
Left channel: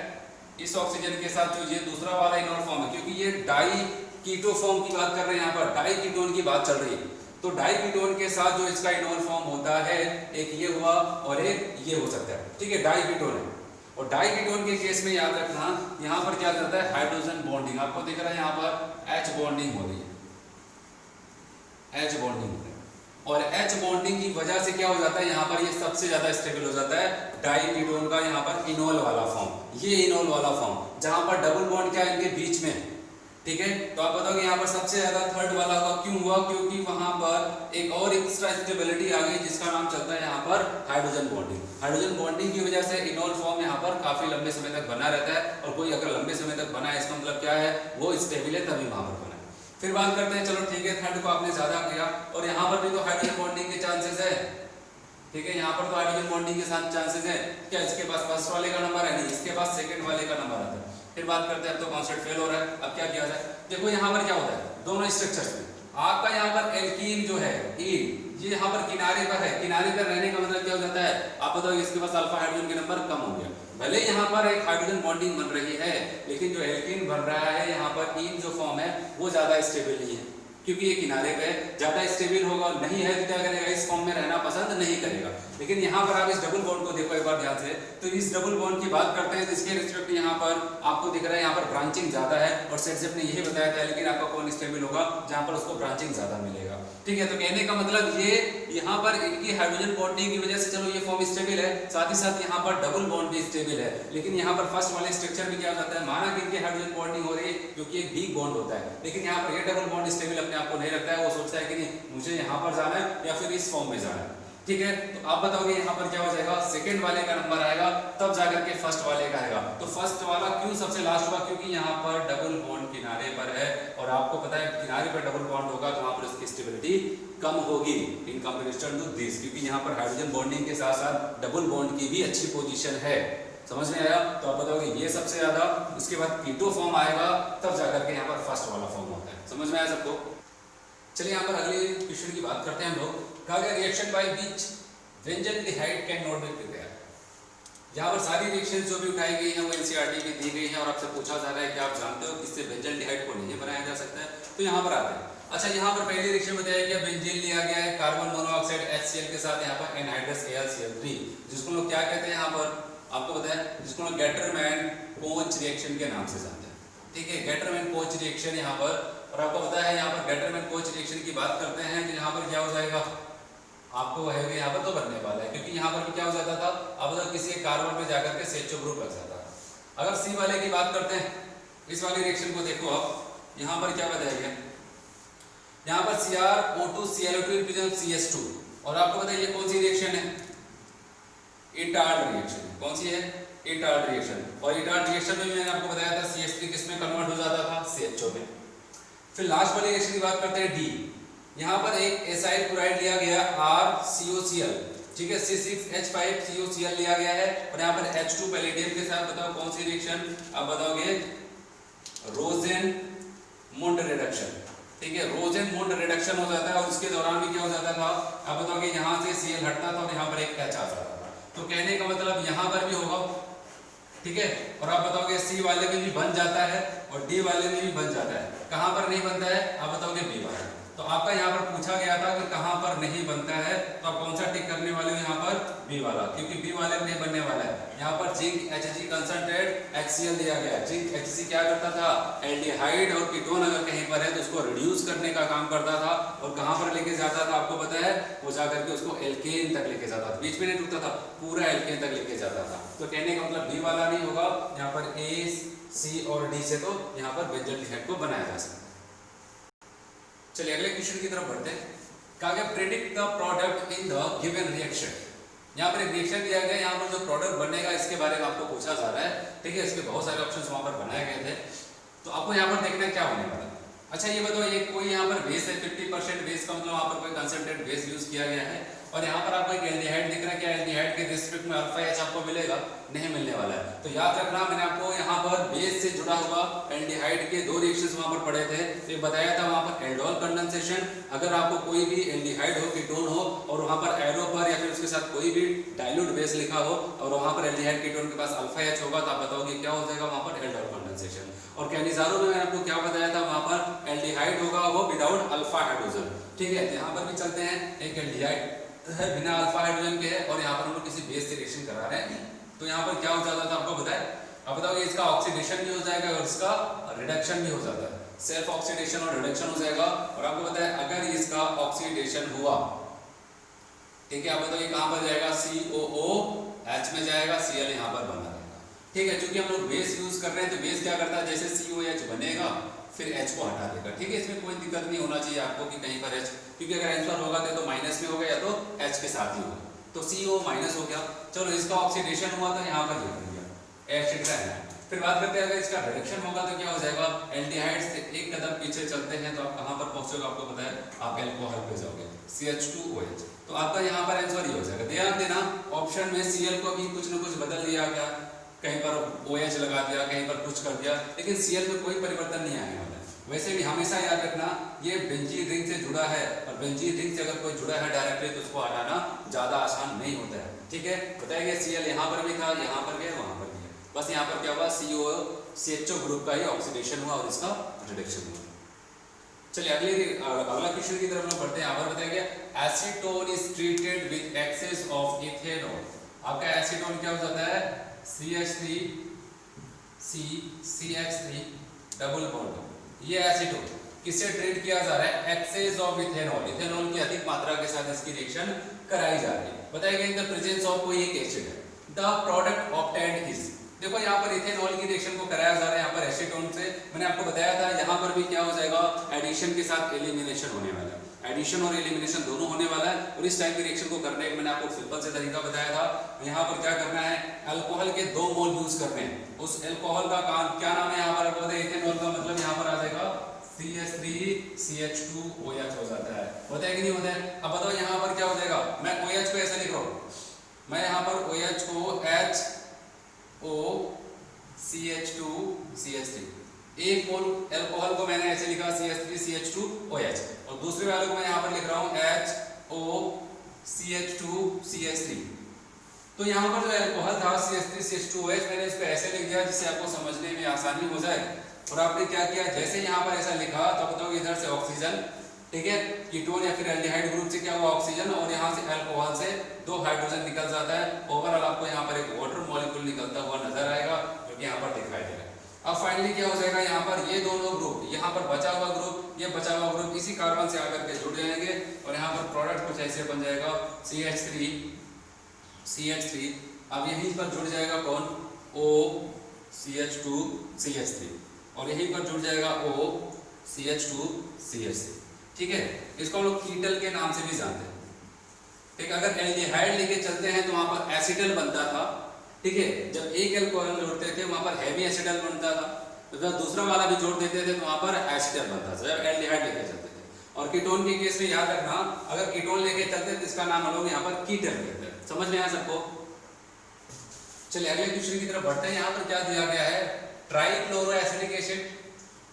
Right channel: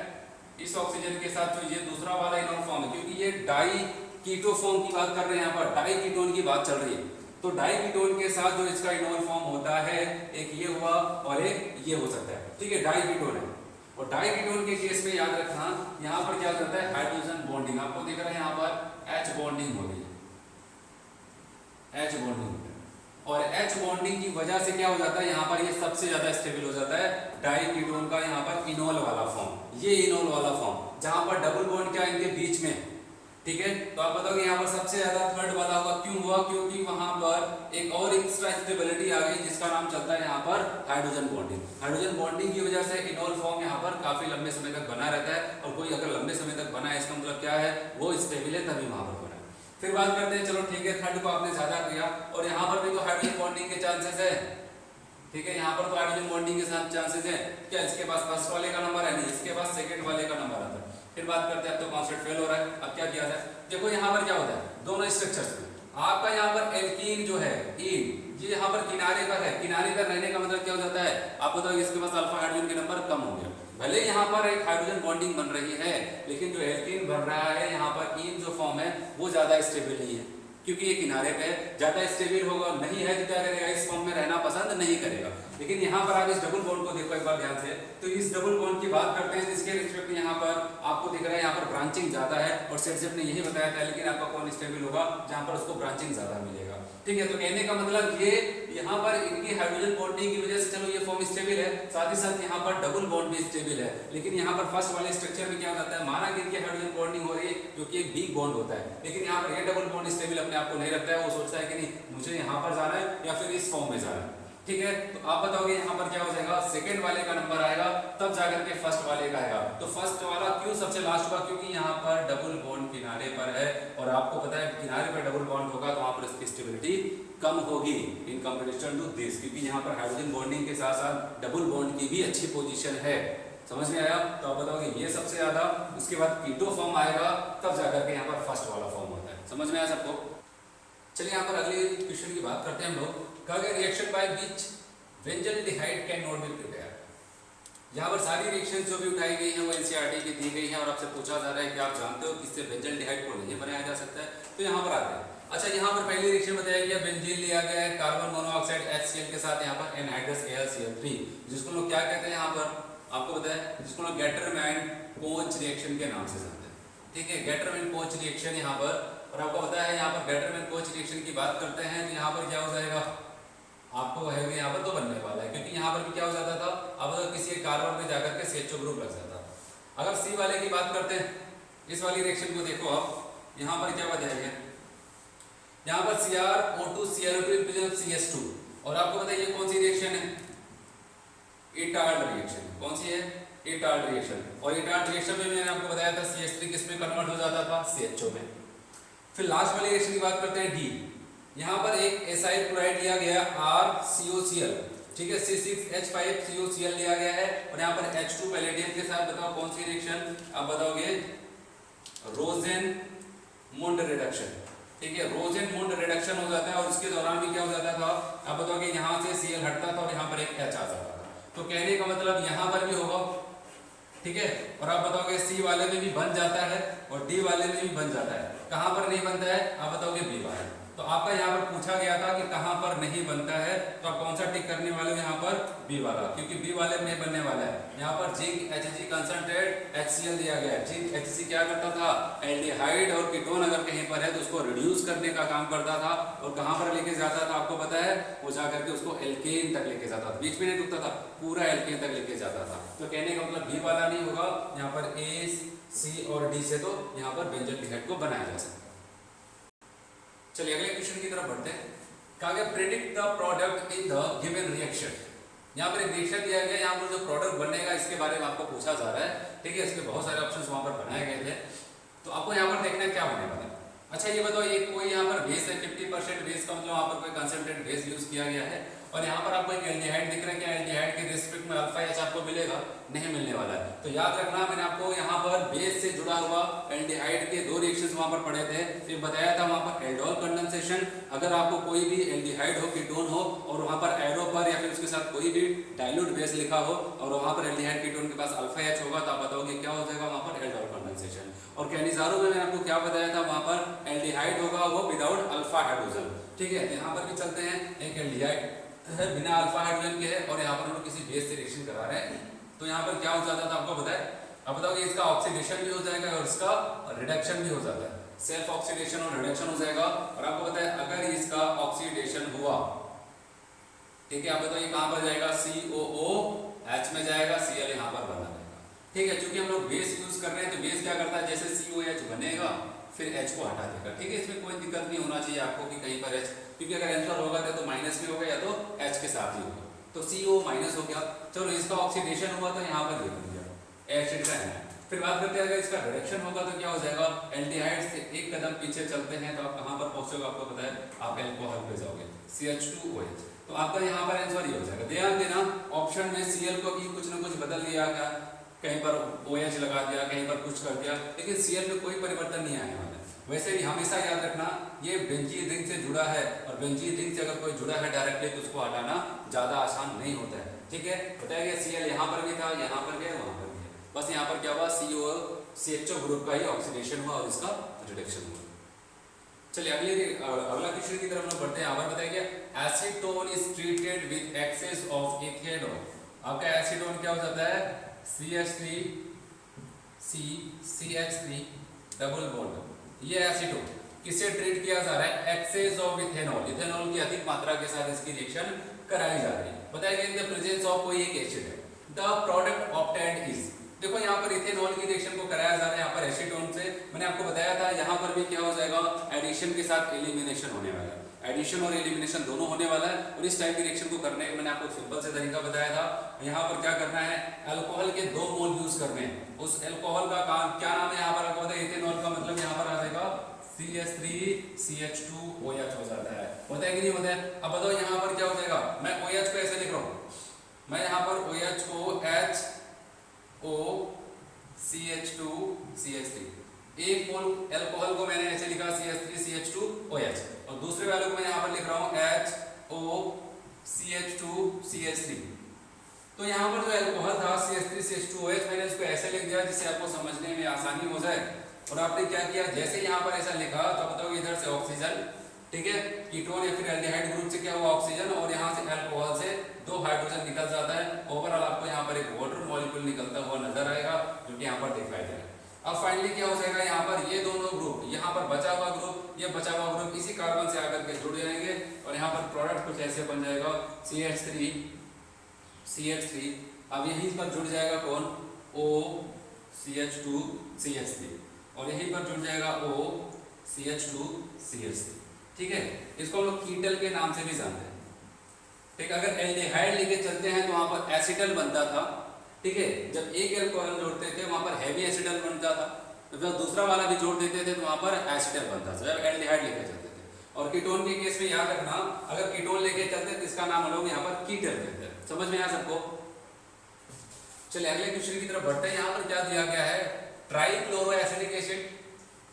इस ऑक्सीजन के साथ जो ये दूसरा वाला इनॉल फॉर्म है, क्योंकि ये डाई कीटो फॉर्म की बात कर रहे हैं, यहाँ पर डाई कीटोन की बात चल रही है। तो डाई कीटोन के साथ जो इसका इनॉल फॉर्म होता है, एक ये हुआ और एक ये हो सकता है। ठीक है, डाई कीटोन है। और डाई कीटोन के केस में याद रखना यहाँ पर क्या करता है, हाइड्रोजन बॉन्डिंग आपको दिख रहा है, यहाँ पर H बॉन्डिंग हो रही है, H बॉन्डिंग। और H बॉन्डिंग की वजह से क्या हो जाता है, यहाँ पर ये सबसे ज्यादा स्टेबल हो जाता है डाई कीटोन का, यहाँ पर इनॉल वाला फॉर्म, ये इनॉल वाला फॉर्म, जहां पर डबल बॉन्ड क्या इनके बीच में। ठीक है, तो आप बताओगे यहाँ पर सबसे ज्यादा थर्ड वाला होगा, क्यों हुआ, क्योंकि वहां पर एक और एक्स्ट्रा स्टेबिलिटी आ गई जिसका नाम चलता है यहाँ पर हाइड्रोजन बॉन्डिंग। हाइड्रोजन बॉन्डिंग की वजह से इनॉल फॉर्म यहाँ पर काफी लंबे समय तक बना रहता है, और कोई अगर लंबे समय तक बना है इसका मतलब क्या है, वो स्टेबल है, तभी वहां पर बना है। फिर बात करते हैं, चलो ठीक है, थर्ड को आपने ज्यादा किया, और यहाँ पर भी तो हाइड्रोजन बॉन्डिंग के चांसेस है। ठीक है, यहाँ पर तो हाइड्रोजन बॉन्डिंग के साथ चांसेस है, क्या इसके पास फर्स्ट वाले का नंबर है, नहीं, इसके पास सेकंड वाले का नंबर आता है। फिर बात करते हैं, अब तो कॉन्सेप्ट फेल हो रहा है, अब क्या किया जाए। देखो यहाँ पर क्या होता है, दोनों स्ट्रक्चर्स में आपका यहाँ पर एल्कीन जो है, ईन, ये यहाँ पर किनारे पर है, किनारे पर रहने का मतलब क्या हो जाता है, आप बताओ इसके पास अल्फा हाइड्रोजन के नंबर कम हो गया। भले यहाँ पर एक हाइड्रोजन बॉन्डिंग बन रही है, लेकिन जो एल्कीन बन रहा है यहाँ पर ईन जो फॉर्म है वो ज्यादा स्टेबल नहीं है, क्योंकि ये किनारे पे ज्यादा स्टेबल होगा नहीं है, तो क्या करेगा, इस फॉर्म में रहना पसंद नहीं करेगा। लेकिन यहाँ पर आप इस डबल बॉन्ड को देखो एक बार ध्यान से, तो इस डबल बॉन्ड की बात करते हैं तो इसके रिस्पेक्ट यहाँ पर आपको दिख रहा है, यहाँ पर ब्रांचिंग ज्यादा है, और सेट ने यही बताया था, लेकिन आपका कौन स्टेबल होगा, जहाँ पर उसको ब्रांचिंग ज्यादा मिलेगा। ठीक है, तो कहने का मतलब ये यहाँ पर इनकी हाइड्रोजन बॉन्डिंग की वजह से चलो ये फॉर्म स्टेबल है, साथ ही साथ यहाँ पर डबल बॉन्ड भी स्टेबल है। लेकिन यहाँ पर फर्स्ट वाले स्ट्रक्चर में क्या हो जाता है, माना कि इनकी हाइड्रोजन बॉन्डिंग हो रही है जो कि एक वीक बॉन्ड होता है, लेकिन यहाँ पर ये डबल बॉन्ड स्टेबल अपने आप को नहीं रखता है, वो सोचता है कि नहीं मुझे यहाँ पर जाना है या फिर इस फॉर्म में जाना है। ठीक है, तो आप बताओगे यहाँ पर क्या हो जाएगा, सेकंड वाले का नंबर आएगा, तब जाकर के फर्स्ट वाले का आएगा। तो फर्स्ट वाला क्यों सबसे लास्ट हुआ, क्योंकि यहाँ पर डबल बॉन्ड किनारे पर है, और आपको पता है किनारे पर डबल बॉन्ड होगा तो वहां पर उसकी स्टेबिलिटी कम होगी इन कंपैरिजन टू दिस, क्योंकि यहाँ पर हाइड्रोजन बॉन्डिंग के साथ साथ डबल बॉन्ड की भी अच्छी पोजीशन है। समझ में आया, तो आप बताओगे ये सबसे ज्यादा, उसके बाद कीटो फॉर्म आएगा, तब जाकर के यहाँ पर फर्स्ट वाला फॉर्म होता है। समझ में आया सबको। चलिए यहाँ पर अगले क्वेश्चन की बात करते हैं हम लोग। कहा गया reaction by which benzaldehyde can not be prepared. यहाँ पर सारी रिएक्शन जो भी उठाई गई हैं वो एनसीईआरटी में दी गई है, और आपसे पूछा जा रहा है कि आप जानते हो किससे बेंजल्डिहाइड को नहीं बनाया जा सकता है, तो यहाँ पर आते हैं। अच्छा, यहाँ पर पहली रिएक्शन बताया गया, बेंजीन लिया गया है कार्बन मोनोऑक्साइड HCl के साथ यहाँ पर एनहाइड्रस AlCl3, जिसको लोग क्या कहते हैं यहाँ पर आपको पता है, जिसको लोग गेटरमैन कोच रिएक्शन के नाम से जानते हैं। ठीक है, गेटरमैन कोच रिएक्शन यहाँ पर, और आपको पता है यहाँ पर गेटरमैन कोच रिएक्शन की बात करते हैं तो यहाँ पर क्या हो जाएगा, आपको है यहाँ पर तो बनने वाला है, क्योंकि यहाँ पर भी क्या हो जाता था, अब अगर किसी एक कार्बन पे जाकर के CHO ग्रुप लग जाता है। अगर सी वाले की बात करते हैं, इस वाली रिएक्शन को देखो आप, यहाँ पर क्या बताया गया, यहाँ पर CrO2ClO2 CH2, और आपको पता है ये कौन सी रिएक्शन है, इटार्ड रिएक्शन। कौन सी है, इटार्ड रिएक्शन। और इटार्ड रिएक्शन में मैंने आपको बताया था CH3 किसमें कन्वर्ट हो जाता था, CHO में। फिर लास्ट वाली रिएक्शन की बात करते हैं, D। यहाँ पर एक एसाइल क्लोराइड लिया गया RCOCl, ठीक है, C6H5COCl लिया गया है, और यहाँ पर H2 पैलेडियम के साथ बताओ कौन सी रिएक्शन, आप बताओगे रोजेनमुंड रिडक्शन। ठीक है, रोजेनमुंड रिडक्शन हो जाता है, और उसके दौरान भी क्या हो जाता था, आप बताओगे यहाँ से Cl हटता था और यहाँ पर एक H आ जाता था। तो कहने का मतलब यहाँ पर भी होगा। ठीक है, और आप बताओगे C वाले में भी बन जाता है और D वाले में भी बन जाता है, कहाँ पर नहीं बनता है, आप बताओगे B वाले। तो आपका यहाँ पर पूछा गया था कि कहाँ पर नहीं बनता है, तो आप कौन सा टिक करने वाले हो यहाँ पर? बी वाला, क्योंकि बी वाले में नहीं बनने वाला है। यहाँ पर जिंक Hg कंसंट्रेट HCl दिया गया है। जिंक Hg क्या करता था? एल्डिहाइड और कीटोन अगर कहीं पर है तो उसको रिड्यूस करने का काम करता था, और कहाँ पर लेके जाता था आपको पता है? वो जा करके उसको एल्केन तक लेके जाता था, बीच में नहीं रुकता था, पूरा एल्केन तक लेके जाता था। तो कहने का मतलब बी वाला नहीं होगा, यहाँ पर ए, सी और डी से तो यहाँ पर बेंजोएल्डिहाइड को बनाया जा सकता है। चलिए अगले क्वेश्चन की तरफ बढ़ते हैं। कहा गया predict the product in the given reaction. यहाँ पर एक रिएक्शन दिया गया, यहाँ पर जो प्रोडक्ट बनेगा इसके बारे में आपको पूछा जा रहा है, ठीक है। इसमें बहुत सारे ऑप्शंस वहाँ पर बनाए गए थे, तो आपको यहाँ पर देखना है क्या होने वाला है। अच्छा ये बताओ, ये कोई यहाँ पर बेस है 50% बेस का, मतलब वहाँ पर कोई कंसंट्रेट बेस यूज किया गया है, और यहाँ पर आपको एक एल्डिहाइड दिख रहा है। क्या एल्डिहाइड के रिस्पेक्ट में अल्फा H आपको मिलेगा? नहीं मिलने वाला है। तो याद रखना, मैंने आपको यहाँ पर बेस से जुड़ा हुआ एल्डिहाइड के दो रिएक्शंस वहाँ पर पढ़े थे। एक बताया था वहाँ पर एल्डोल कंडेंसेशन, अगर आपको कोई भी एल्डिहाइड हो, कीटोन हो, और वहाँ पर एरो पर या फिर उसके साथ कोई भी डाइल्यूट बेस लिखा हो, और वहाँ पर एल्डिहाइड कीटोन के पास अल्फा H होगा, तो आप बताओगे क्या हो जाएगा वहाँ पर? Aldol condensation. और कैनिजारो में मैंने आपको क्या बताया था? वहाँ पर एल्डिहाइड होगा वो विदाउट अल्फा हाइड्रोजन, ठीक है। यहाँ पर भी चलते हैं, एक एल्डिहाइड है बिना अल्फा हाइड्रोजन के है, और यहाँ पर हम लोग किसी बेस से रिएक्शन करा रहे हैं, तो यहाँ पर क्या हो जाता था आपको बताया? अब बताओ इसका ऑक्सीडेशन भी हो जाएगा और इसका रिडक्शन भी हो जाता है, सेल्फ ऑक्सीडेशन और रिडक्शन हो जाएगा। और आपको पता है अगर इसका ऑक्सीडेशन हुआ, ठीक है, आप बताओ ये कहाँ पर जाएगा? COOH में जाएगा, Cl यहाँ पर बना रहेगा, ठीक है। क्योंकि हम लोग बेस यूज कर रहे हैं, तो बेस क्या करता है? जैसे COH बनेगा फिर H को हटा देगा, ठीक है। इसमें कोई दिक्कत नहीं होना चाहिए आपको कि कहीं पर H, क्योंकि अगर आंसर होगा तो माइनस में होगा या तो H के साथ ही होगा, तो CO माइनस हो गया। चलो इसका ऑक्सीडेशन हुआ तो यहाँ पर ये बन गया एसिड का है। फिर बात करते हैं अगर इसका रिडक्शन होगा तो क्या हो जाएगा? एल्डिहाइड से एक कदम पीछे चलते हैं तो आप कहाँ पर पहुंचोगे? आपको पता है, आप अल्कोहल पे जाओगे, CH2OH। तो आपका यहाँ पर आंसर ये हो जाएगा। ध्यान देना, ऑप्शन में Cl को भी कुछ न कुछ बदल दिया गया, कहीं पर OH लगा दिया, कहीं पर कुछ कर दिया, लेकिन Cl में कोई परिवर्तन नहीं आने वाला है। वैसे भी हमेशा याद रखना, ये बेंजीन रिंग से जुड़ा है, और बेंजीन रिंग से अगर कोई जुड़ा है डायरेक्टली तो उसको हटाना ज्यादा आसान नहीं होता है, ठीक है। बताया गया Cl यहाँ पर भी था, यहाँ पर भी है, वहां पर भी है, बस यहाँ पर क्या हुआ? CHO ग्रुप का ही ऑक्सीडेशन हुआ और इसका रिडक्शन हुआ। चलिए अगला क्वेश्चन की तरफ हम बढ़ते हैं। यहाँ पर बताया गया acetone is treated with excess of ethanol. आपका एसीटोन क्या हो जाता है? CH3CCH3 डबल बॉन्ड, ये एसीटोन किससे ट्रीट किया जा रहा है? एक्सेस ऑफ इथेनॉल, इथेनॉल की अधिक मात्रा के साथ इसकी रिएक्शन कराई जा रही है। बताया गया इन द प्रेजेंस ऑफ कोई एक एसिड है, द प्रोडक्ट ऑब्टेन्ड इज। देखो यहाँ पर इथेनॉल की रिएक्शन को कराया जा रहा है यहाँ पर एसीटोन से। मैंने आपको बताया था यहाँ पर भी क्या हो जाएगा? एडिशन के साथ एलिमिनेशन होने वाला है, एडिशन और एलिमिनेशन दोनों होने वाला है। और इस टाइप की रिएक्शन को करने का मैंने आपको सिंपल से तरीका बताया था। यहाँ पर क्या करना है? अल्कोहल के 2 मोल यूज करने हैं। उस अल्कोहल का क्या नाम है यहाँ पर? आपको इथेनॉल का मतलब यहाँ पर आ जाएगा CH3CH2OH हो जाता है। होता है कि नहीं होता है? अब बताओ यहाँ पर क्या हो जाएगा? मैं OH को ऐसे लिख रहा हूँ, मैं यहाँ पर OH को HOCH2CH3, एक मोल अल्कोहल को मैंने ऐसे लिखा CH3CH2OH, और दूसरे वाले को मैं यहाँ पर लिख रहा हूँ HOCH2CH3। तो यहाँ पर जो अल्कोहल था CH3CH2OH, मैंने उसको ऐसे लिख दिया जिससे आपको समझने में आसानी हो जाए। और आपने क्या किया? जैसे यहाँ पर ऐसा लिखा तो बताओ इधर से ऑक्सीजन, ठीक है, कीटोन या फिर एल्डिहाइड ग्रुप से क्या हुआ? ऑक्सीजन, और यहाँ से अल्कोहल से 2 हाइड्रोजन निकल जाता है। ओवरऑल आपको यहाँ पर एक वाटर मॉलिक्यूल निकलता हुआ नजर आएगा, जो कि यहाँ पर दिखाई दे रहा है। अब फाइनली क्या हो जाएगा? यहाँ पर ये दोनों ग्रुप, यहाँ पर बचा हुआ ग्रुप, ये बचा हुआ ग्रुप इसी कार्बन से आकर के जुड़ जाएंगे, और यहाँ पर प्रोडक्ट कुछ ऐसे बन जाएगा CH3। अब यहीं पर जुड़ जाएगा कौन? OCH2CH3, और यहीं पर जुड़ जाएगा OCH2CH3, ठीक है। इसको हम लोग कीटल के नाम से भी जानते हैं, ठीक है। अगर एल्डिहाइड लेके चलते हैं तो वहां पर एसिटल बनता था, ठीक है। जब एक अल्कोहल जोड़ते थे वहां पर हैवी एसिडल बनता था, तो जब दूसरा वाला भी जोड़ देते थे तो वहां पर एसिडल बनता था, जब एल्डिहाइड लेके चलते थे। और कीटोन के केस में याद रखना, अगर कीटोन लेके चलते हैं तो इसका नाम हम लोग यहाँ पर कीटल कहते हैं। समझ में आया सबको? चलिए अगले क्वेश्चन की तरफ बढ़ते हैं। यहाँ पर क्या दिया गया है? ट्राइफ्लोरोएसिडिक एसिड,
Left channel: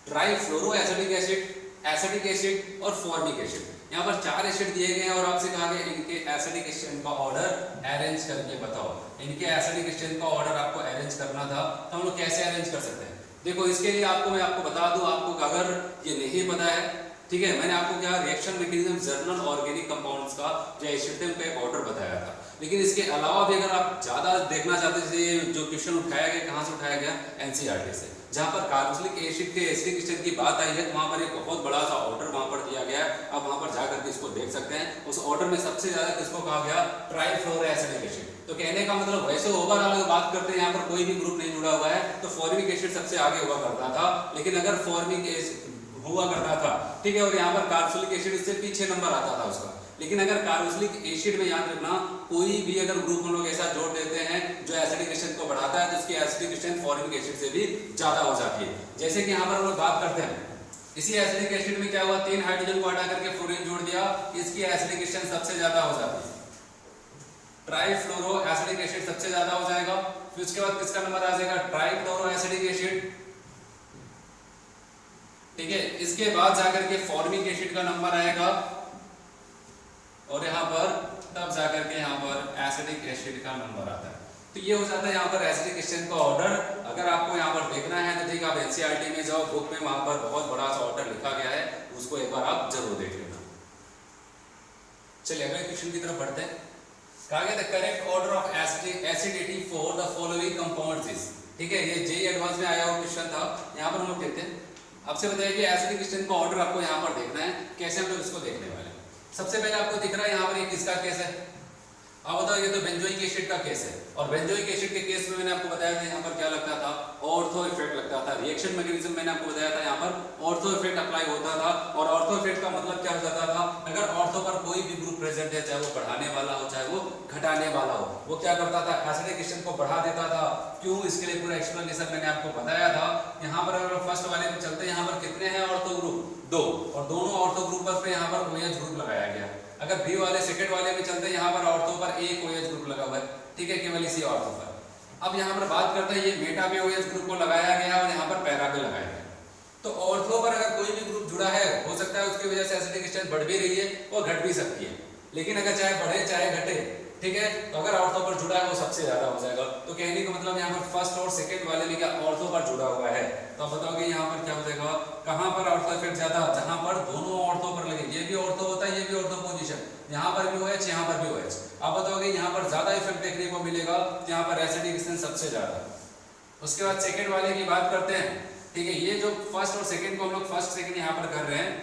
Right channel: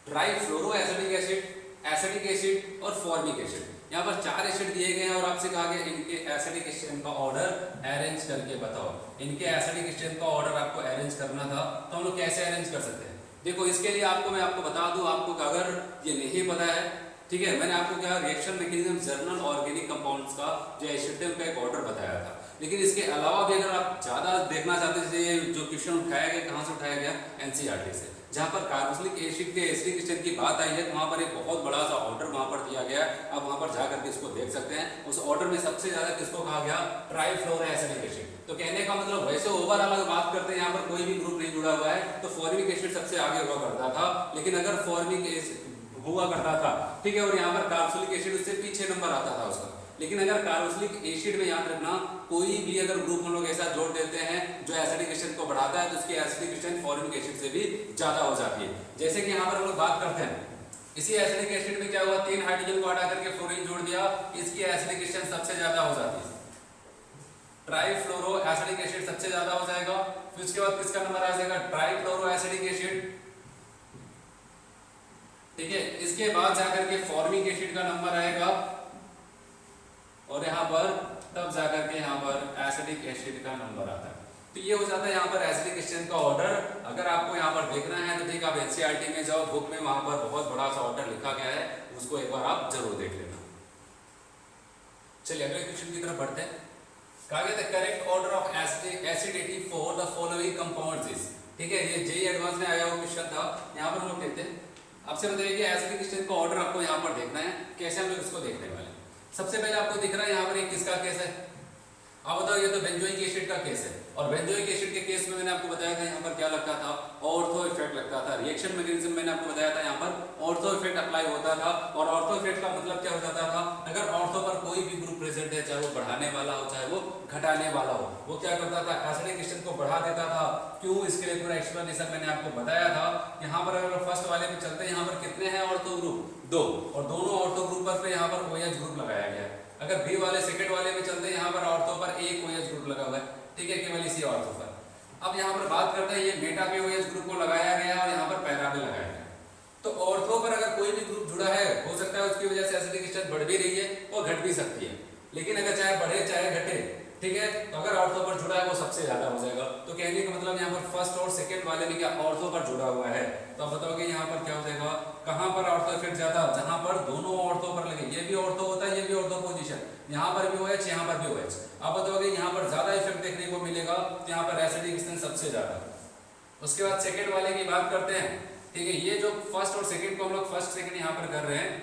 ट्राइफ्लोरोएसिडिक एसिड, एसिडिक एसिड और फॉर्मिक एसिड। यहाँ पर 4 एसिड दिए गए हैं और आपसे कहा गया इनके एसिडिक स्ट्रेन का ऑर्डर अरेंज करके बताओ। इनके एसिडिक स्ट्रेन का ऑर्डर आपको अरेंज करना था, तो हम लोग कैसे अरेंज कर सकते हैं? देखो इसके लिए मैं आपको बता दूं, आपको अगर ये नहीं पता है ठीक है, मैंने आपको क्या reaction mechanism journal organic compounds का जो एसिड थे उनका एक ऑर्डर बताया था। लेकिन इसके अलावा भी अगर आप ज्यादा देखना चाहते हैं, जैसे जो क्वेश्चन उठाया गया कहाँ से उठाया गया, एनसीईआरटी से, जहाँ पर कार्बोक्सिलिक एसिड के एसिडिक स्टेट की बात आई है तो वहाँ पर एक बहुत बड़ा सा ऑर्डर वहाँ पर दिया गया। आप वहाँ पर जाकर के इसको देख सकते हैं। उस ऑर्डर में सबसे ज्यादा किसको कहा गया, ट्राइफ्लोरोएसिडिक एसिड। तो कहने का मतलब वैसे ओवरऑल अगर बात करते हैं यहाँ पर कोई भी ग्रुप नहीं जुड़ा हुआ है तो फॉर्मिक एसिड सबसे आगे हुआ करता था। लेकिन अगर फॉर्मिक एसिड हुआ करता था, ठीक है, और यहाँ पर कार्बोक्सिलिक एसिड उससे पीछे नंबर आता था उसका। लेकिन अगर कार्बोक्सिलिक एसिड में याद रखना, कोई भी अगर ग्रुप हम लोग ऐसा जोड़ देते हैं जो एसिडिक एसिड को बढ़ाता है तो उसकी एसिडिक स्ट्रेंथ फॉर्मिक एसिड से भी ज्यादा हो जाती है। जैसे कि यहाँ पर हम लोग बात करते हैं, इसी एसिडिक एसिड में क्या हुआ, 3 हाइड्रोजन को हटा करके फ्लोरीन जोड़ दिया, इसकी एसिडिक स्ट्रेंथ सबसे ज्यादा हो जाती है, ट्राइफ्लोरो एसिडिक एसिड सबसे ज्यादा हो जाएगा। फिर उसके बाद किसका नंबर आ जाएगा, ट्राइक्लोरो एसिडिक एसिड, ठीक है। इसके बाद जाकर के फॉर्मिक एसिड का नंबर आएगा और यहाँ पर तब जाकर के यहाँ पर एसिडिक एसिड का नंबर आता है। तो ये हो जाता है यहाँ पर एसिडिक स्ट्रेंथ का ऑर्डर। अगर आपको यहाँ पर देखना है तो ठीक, आप एनसीईआरटी में जाओ, बुक में वहां पर बहुत बड़ा सा ऑर्डर लिखा गया है, उसको एक बार आप जरूर देख लेना। चलिए अगले क्वेश्चन की तरफ बढ़ते हैं। कहा गया the correct order of acidity for the following compounds is, ठीक है, ये जेईई एडवांस में आया हुआ क्वेश्चन था। यहाँ पर हम लोग देखते हैं, आपसे बताइए कि एसिडिक स्ट्रेंथ का ऑर्डर आपको यहाँ पर देखना है। कैसे हम लोग इसको देखने वाले हैं, सबसे पहले आपको दिख रहा है यहाँ पर एक किसका केस है, आप बताओ, ये तो बेंजोइक एसिड का केस है। और बेंजोइक एसिड के केस में मैंने आपको बताया था यहाँ पर क्या लगता था, ऑर्थो इफेक्ट लगता था। रिएक्शन मैकेनिज्म मैंने आपको बताया था, यहाँ पर ऑर्थो इफेक्ट अप्लाई होता था। और ऑर्थो इफेक्ट का मतलब क्या हो जाता था, अगर ऑर्थो पर कोई भी ग्रुप प्रेजेंट है, चाहे वो बढ़ाने वाला हो चाहे वो घटाने वाला हो, वो क्या करता था, एसिडिक स्ट्रेंथ को बढ़ा देता था। क्यों, इसके लिए पूरा एक्सप्लेनेशन मैंने आपको बताया था। यहाँ पर अगर फर्स्ट वाले में चलते हैं, यहाँ पर कितने हैं ऑर्थो ग्रुप, 2, और दोनों ऑर्थो ग्रुप पर यहाँ पर OH ग्रुप लगाया गया। अगर बी वाले सेकंड वाले में चलते हैं, यहाँ पर ऑर्थो पर एक OH ग्रुप लगा हुआ है, ठीक है, केवल इसी ऑर्थो पर। अब यहाँ पर बात करते हैं, ये मेटा पे OH ग्रुप को लगाया गया और यहाँ पर पैरा पे लगाया गया। तो ऑर्थो पर अगर कोई भी ग्रुप जुड़ा है, हो सकता है उसकी वजह से एसिडिक स्ट्रेंथ बढ़ भी रही है और घट भी सकती है। लेकिन अगर चाहे बढ़े चाहे घटे, ठीक है, तो अगर ऑर्थो पर जुड़ा है वो सबसे ज्यादा हो जाएगा। तो कहने का मतलब यहाँ पर फर्स्ट और सेकंड वाले में क्या ऑर्थो पर जुड़ा हुआ है, तो आप बताओगे यहाँ पर क्या हो जाएगा, कहाँ पर ऑर्थो इफेक्ट ज्यादा, जहाँ पर दोनों ऑर्थो पर लगे, ये भी ऑर्थो होता है ये भी ऑर्थो पोजीशन, यहाँ पर भी OH यहाँ पर भी OH। आप बताओगे यहाँ पर ज्यादा इफेक्ट देखने को मिलेगा, तो यहाँ पर एसिडिक स्ट्रेंथ सबसे ज्यादा। उसके बाद सेकंड वाले की बात करते हैं, ठीक है, ये जो फर्स्ट और सेकंड को हम लोग फर्स्ट सेकंड यहाँ पर कर रहे हैं,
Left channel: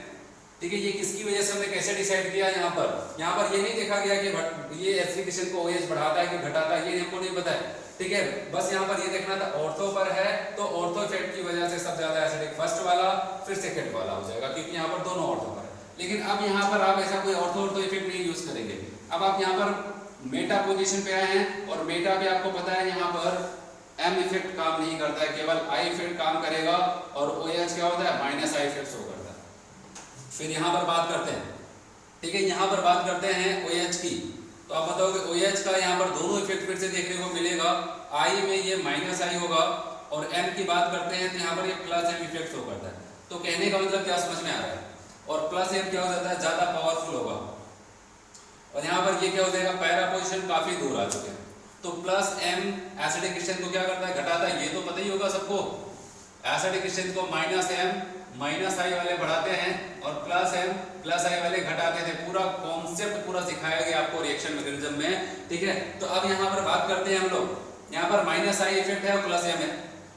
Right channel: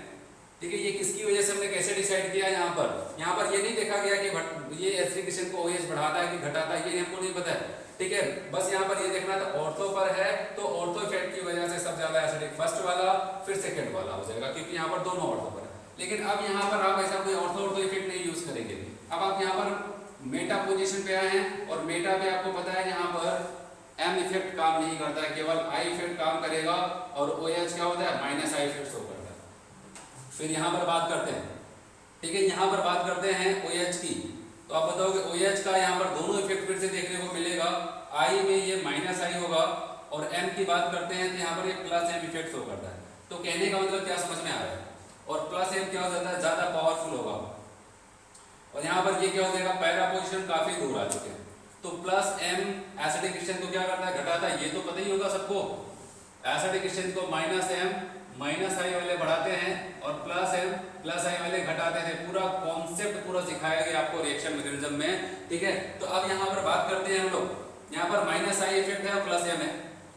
ठीक है, ये किसकी वजह से हमने कैसे डिसाइड किया, यहाँ पर ये नहीं देखा गया कि ये एसिडिक स्ट्रेंथ को OH बढ़ाता है कि घटाता है, ये हमको नहीं पता है, ठीक है। बस यहाँ पर ये देखना था ऑर्थो पर है तो ऑर्थो इफेक्ट की वजह से सबसे ज्यादा एसिडिक फर्स्ट वाला फिर सेकंड वाला हो जाएगा, क्योंकि यहाँ पर दोनों ऑर्थो पर। लेकिन अब यहाँ पर आप ऐसा कोई ऑर्थो इफेक्ट नहीं यूज करेंगे। अब आप यहाँ पर मेटा पोजीशन पे आए हैं और मेटा पे आपको पता है यहाँ पर M इफेक्ट काम नहीं करता है, केवल I इफेक्ट काम करेगा और OH क्या होता है, -I इफेक्ट शो करता है। फिर यहाँ पर बात करते हैं, ठीक है, यहाँ पर बात करते हैं OH की। तो आप बताओगे OH का यहाँ पर दोनों इफेक्ट फिर से देखने को मिलेगा। I में ये -I होगा और M की बात करते हैं तो यहाँ पर ये +M इफेक्ट शो करता है। तो कहने का मतलब क्या समझ में आ रहा है, और +M क्या हो जाता है, ज्यादा पावरफुल होगा। और यहाँ पर ये क्या हो जाएगा, पैरा पोजीशन काफी दूर आ चुके हैं, तो +M एसिडिक स्ट्रेंथ को क्या करता है, घटाता है, ये तो पता ही होगा सबको। एसिडिक स्ट्रेंथ को -M -I वाले बढ़ाते हैं और +M +I वाले घटाते थे। पूरा कॉन्सेप्ट पूरा सिखाया गया आपको रिएक्शन मैकेनिज्म में, ठीक है। तो अब यहाँ पर बात करते हैं हम लोग, यहाँ पर -I इफेक्ट है और +M है,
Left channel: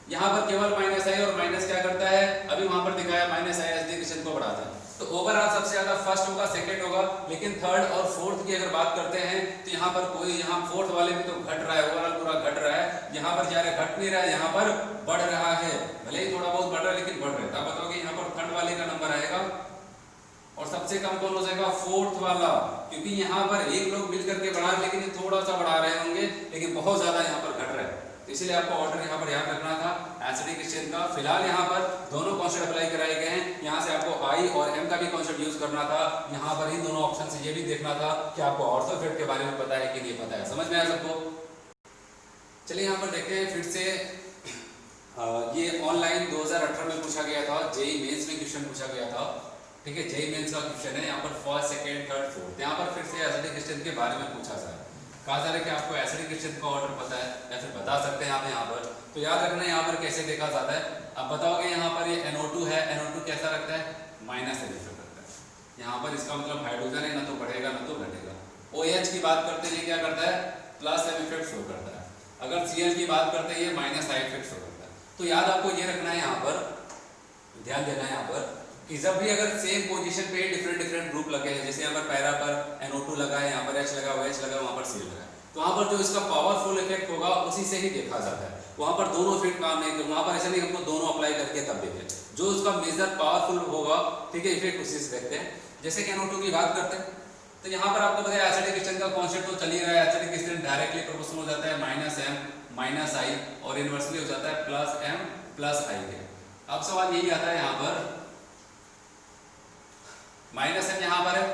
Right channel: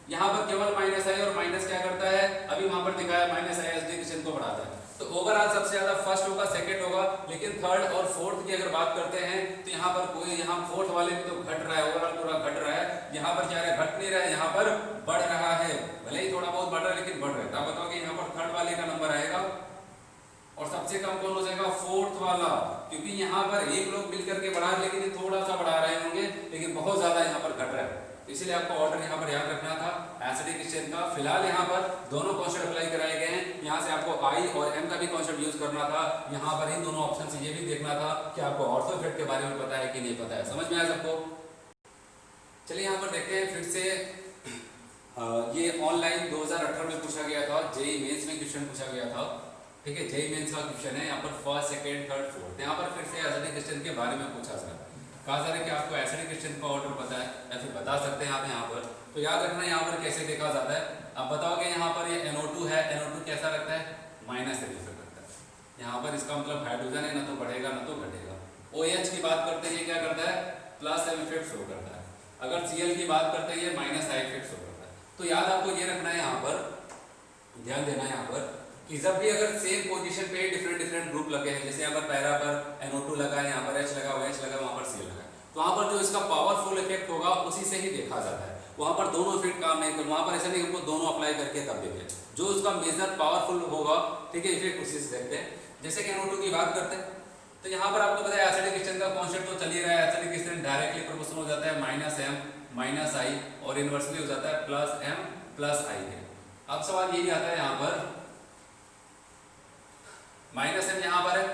यहाँ पर केवल -I और माइनस क्या करता है, अभी वहां पर दिखाया -I एसिडिक स्ट्रेंथ को बढ़ाता है। तो ओवरऑल सबसे ज्यादा फर्स्ट होगा, सेकंड होगा, लेकिन थर्ड और फोर्थ की अगर बात करते हैं तो यहाँ पर कोई, यहाँ फोर्थ वाले में तो घट रहा है, ओवरऑल पूरा घट रहा है। यहाँ पर क्या है, घट नहीं रहा है, यहाँ पर बढ़ रहा है, भले ही थोड़ा बहुत बढ़ रहा है लेकिन बढ़ रहा है। आप बताओगे यहाँ पर थर्ड वाले का नंबर आएगा और सबसे कम कौन हो जाएगा, फोर्थ वाला, क्योंकि यहाँ पर एक लोग मिलकर के बढ़ा, लेकिन थोड़ा सा बढ़ा रहे होंगे लेकिन बहुत ज्यादा यहाँ पर घट रहा है। इसलिए आपको ऑर्डर यहाँ पर याद रखना था एसिडिक स्ट्रेंथ का। फिलहाल यहाँ पर दोनों कॉन्सेप्ट अप्लाई कराए गए हैं, यहाँ से आपको I और M का भी कॉन्सेप्ट यूज करना था। यहाँ पर इन दोनों ऑप्शन से ये भी देखना था कि आपको ऑर्थो इफेक्ट के बारे में पता है कि नहीं पता है। समझ में आया सबको? चलिए यहाँ पर देखते हैं फिर से, ये ऑनलाइन 2018 में पूछा गया था, जेईई मेंस में क्वेश्चन पूछा गया था, ठीक है। जेईई मेंस का क्वेश्चन है, यहाँ पर फर्स्ट सेकंड थर्ड फोर्थ, यहाँ पर फिर से एसिडिक स्ट्रेंथ के बारे में पूछा था। कहा जा रहा है कि आपको एसिडिक स्ट्रेंथ का ऑर्डर पता है या फिर बता सकते हैं आप यहाँ पर, तो याद रखना यहाँ पर कैसे देखा जाता है। अब बताओगे यहाँ पर ये NO2 है, NO2 कैसा लगता है, -M इफेक्ट लगता है, यहाँ पर इसका मतलब हाइड्रोजन है, ना तो बढ़ेगा ना तो घटेगा। OH की बात करते हैं, ये क्या करता है, प्लस M इफेक्ट शो करता है। अगर Cl की बात करते हैं, ये माइनस I इफेक्ट शो करता है। तो याद आपको ये रखना है, यहाँ पर ध्यान देना है यहाँ पर कि जब भी अगर सेम पोजीशन पे डिफरेंट डिफरेंट ग्रुप लगे हैं, जैसे यहाँ पर पैरा पर NO2 लगा है, यहाँ पर H लगा, OH लगा, वहाँ पर Cl लगा है, तो वहाँ पर जो इसका पावरफुल इफेक्ट होगा उसी से ही देखा जाता है। वहाँ पर दोनों इफेक्ट काम नहीं कर, वहाँ पर ऐसा नहीं हमको दोनों अप्लाई करके तब देखें, जो उसका मेजर पावरफुल होगा, ठीक है, इफेक्ट उसी से देखते हैं। जैसे कि NO2 की बात करते हैं, तो यहाँ पर आपको बताया एसिडिक स्टेन का कॉन्सेप्ट तो चल ही रहा है। एसिडिक स्टेन डायरेक्टली प्रोपोर्शनल हो जाता है -M -I और इनवर्सली हो जाता है +M +I के। अब सवाल यही आता है यहाँ पर -M यहाँ पर है,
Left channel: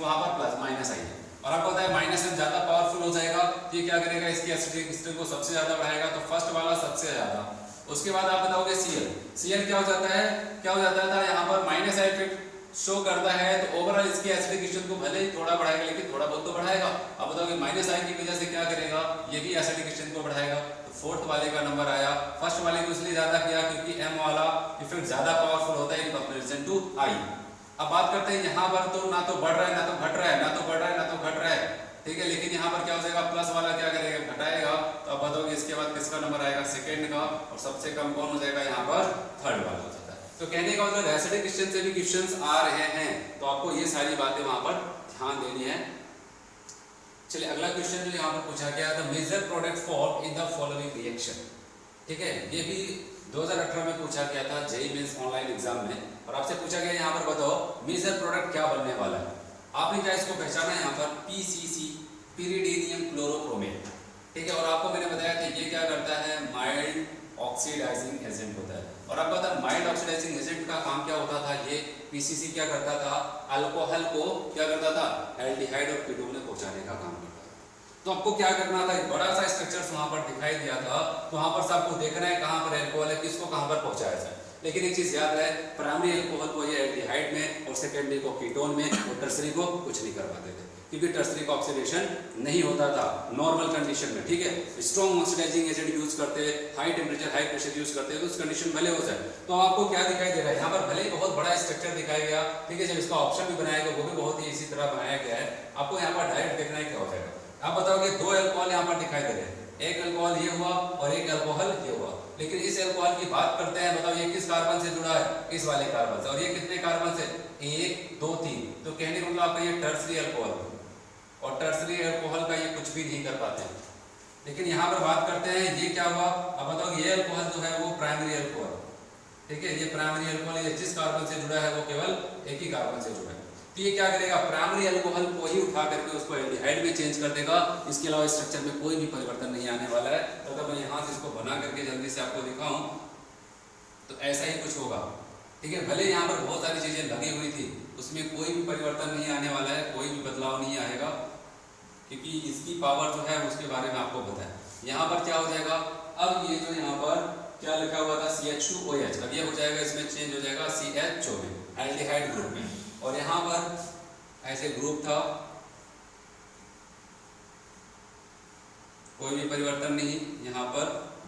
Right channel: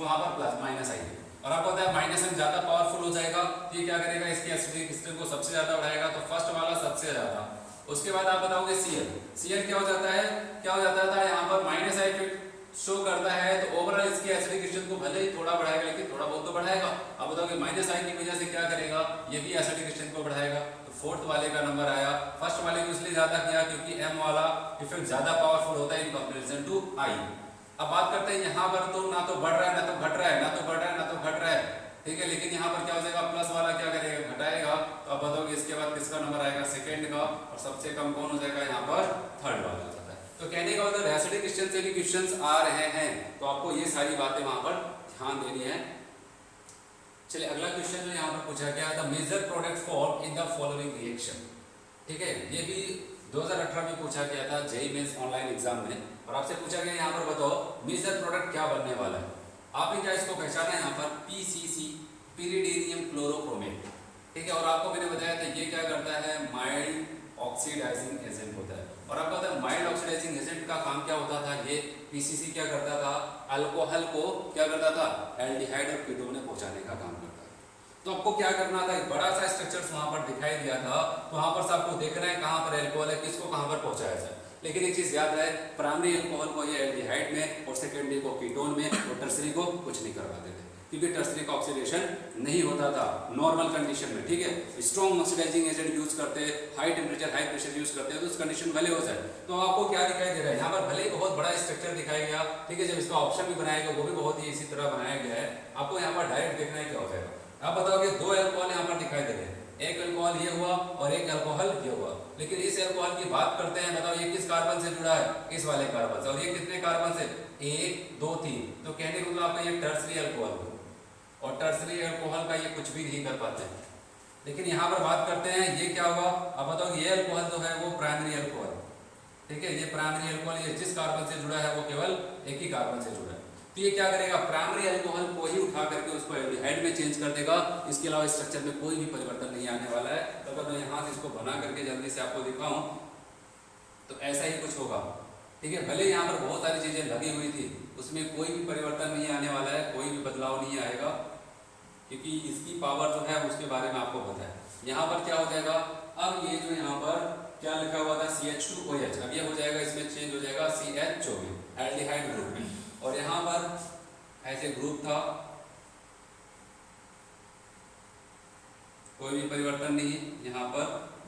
वहाँ पर +-I है, और आपको पता है -M ज्यादा पावरफुल हो जाएगा, ये क्या करेगा, इसकी एसिडिक स्टेन को सबसे ज्यादा बढ़ाएगा, तो फर्स्ट वाला सबसे ज्यादा। उसके बाद आप बताओगे Cl क्या हो जाता है, क्या हो जाता था यहाँ पर -I इफेक्ट शो करता है, तो ओवरऑल इसकी एसिडिक स्टेन को भले ही थोड़ा बढ़ाएगा, लेकिन थोड़ा बहुत तो बढ़ाएगा। अब बताओगे -I की वजह से क्या करेगा, ये भी एसिडिक स्टेन को बढ़ाएगा। तो फोर्थ वाले का नंबर आया, फर्स्ट वाले को इसलिए ज्यादा किया क्योंकि M वाला इफेक्ट ज्यादा पावरफुल होता है इन कंपैरिजन टू I। अब बात करते हैं यहाँ पर, तो ना तो बढ़ रहा है ना तो घट रहा है, ना तो बढ़ रहा है ना तो घट रहा है, ठीक है, लेकिन यहाँ पर क्या हो जाएगा, प्लस वाला क्या करेगा, घटाएगा। तो अब बताओगे इसके बाद किसका नंबर आएगा, सेकेंड का, और सबसे कम कौन हो जाएगा, यहाँ पर थर्ड वाला हो जाता है। तो कहने का मतलब एसिडिक स्टेन से भी क्वेश्चंस आ रहे हैं, तो आपको ये सारी बातें वहां पर ध्यान देनी है। चलिए अगला क्वेश्चन जो यहाँ पर पूछा गया था, major product for in the following reaction, ठीक है, ये भी 2018 में पूछा गया था जेईई मेंस ऑनलाइन एग्जाम में, और आपसे पूछा गया यहाँ पर बताओ मेजर प्रोडक्ट क्या बनने वाला है। आपने क्या इसको पहचाना है यहाँ पर, PCC पिरिडीनियम क्लोरोक्रोमेट, ठीक है, और आपको मैंने बताया कि ये क्या करता है, माइल्ड ऑक्सीडाइजिंग एजेंट होता है। और आपको पता है माइल्ड ऑक्सीडाइजिंग एजेंट का काम क्या होता था, ये PCC क्या करता था, अल्कोहल को क्या करता था, एल्डिहाइड और कीटोन में पहुंचाने का काम करता था। तो आपको क्या करना था, एक बड़ा सा स्ट्रक्चर वहां पर दिखाई दिया था, तो वहां पर आपको देखना है कहां पर अल्कोहल है, किसको कहां पर पहुंचाया जाए। लेकिन एक चीज याद रहे, प्राइमरी अल्कोहल को ये एल्डिहाइड में और सेकेंडरी को कीटोन में और टर्सरी को कुछ नहीं करवाते थे, क्योंकि टर्सरी का ऑक्सीडेशन नहीं होता था नॉर्मल कंडीशन में, ठीक है। स्ट्रॉन्ग ऑक्सीडाइजिंग एजेंट यूज करते, high temperature high pressure use करते हैं, तो उस कंडीशन भले हो जाए। तो आपको क्या दिखाई दे रहा है यहाँ पर, भले ही बहुत बड़ा स्ट्रक्चर दिखाया गया, ठीक है, जब इसका ऑप्शन भी बनाया गया वो भी बहुत ही इसी तरह बनाया गया है। आपको यहाँ पर डायरेक्ट देखना है क्या हो जाएगा। आप बताओगे दो अल्कोहल यहाँ पर दिखाई दे रहे हैं, एक अल्कोहल ये हुआ और एक अल्कोहल ये हुआ, लेकिन इस अल्कोहल की बात करते हैं, बताओ ये किस कार्बन से जुड़ा है, इस वाले कार्बन से, और ये कितने कार्बन से, 1 2 3। तो कहने का मतलब आपका ये टर्सरी अल्कोहल, और टर्सरी अल्कोहल का ये कुछ भी नहीं कर पाते हैं। लेकिन यहाँ पर बात करते हैं ये क्या हुआ, अब बताओ ये अल्कोहल जो है वो प्राइमरी अल्कोहल, ठीक है, ये प्राइमरी अल्कोहल, ये जिस कार्बन से जुड़ा है वो केवल एक ही कार्बन से जुड़ा है। तो ये क्या करेगा, प्राइमरी अल्कोहल को ही उठा करके उसको एल्डिहाइड में चेंज कर देगा, इसके अलावा स्ट्रक्चर में कोई भी परिवर्तन नहीं आने वाला है। तो अगर मैं यहाँ से इसको बना करके जल्दी से आपको दिखाऊं तो ऐसा ही कुछ होगा, ठीक है। भले यहाँ पर बहुत सारी चीजें लगी हुई थी, उसमें कोई भी परिवर्तन नहीं आने वाला है, कोई भी बदलाव नहीं आएगा, क्योंकि इसकी पावर जो है उसके बारे में आपको पता है। यहाँ पर क्या हो जाएगा, अब ये जो यहाँ पर क्या लिखा हुआ था CH2OH, अब ये हो जाएगा, इसमें चेंज हो जाएगा CHO में, एल्डिहाइड ग्रुप में, और यहाँ पर ऐसे ग्रुप था, कोई भी परिवर्तन नहीं, यहाँ पर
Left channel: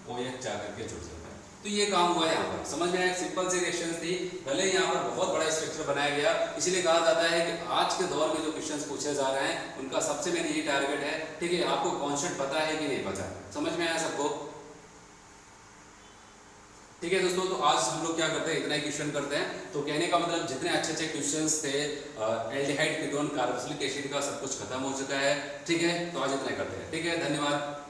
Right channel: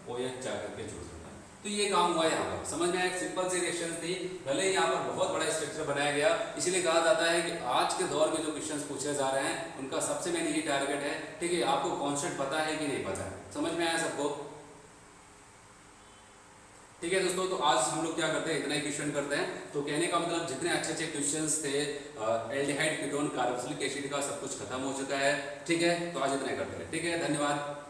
OH जाकर के जुड़ जाता है। तो ये काम हुआ यहाँ पर, समझ में, एक सिंपल सी रिएक्शन थी, भले ही यहाँ पर बहुत बड़ा स्ट्रक्चर बनाया गया। इसीलिए कहा जाता है कि आज के दौर में जो क्वेश्चंस पूछे जा रहे हैं उनका सबसे मेन ये टारगेट है, ठीक है, आपको कॉन्सेप्ट पता है कि नहीं पता है, समझ में आया सबको, ठीक है दोस्तों। तो आज हम लोग क्या करते हैं, इतना ही क्वेश्चन करते हैं। तो कहने का मतलब जितने अच्छे अच्छे क्वेश्चंस थे एल्डिहाइड कीटोन कार्बोक्सिलिक एसिड का सब कुछ खत्म हो चुका है, ठीक है। तो आज इतना ही करते हैं, ठीक है, धन्यवाद।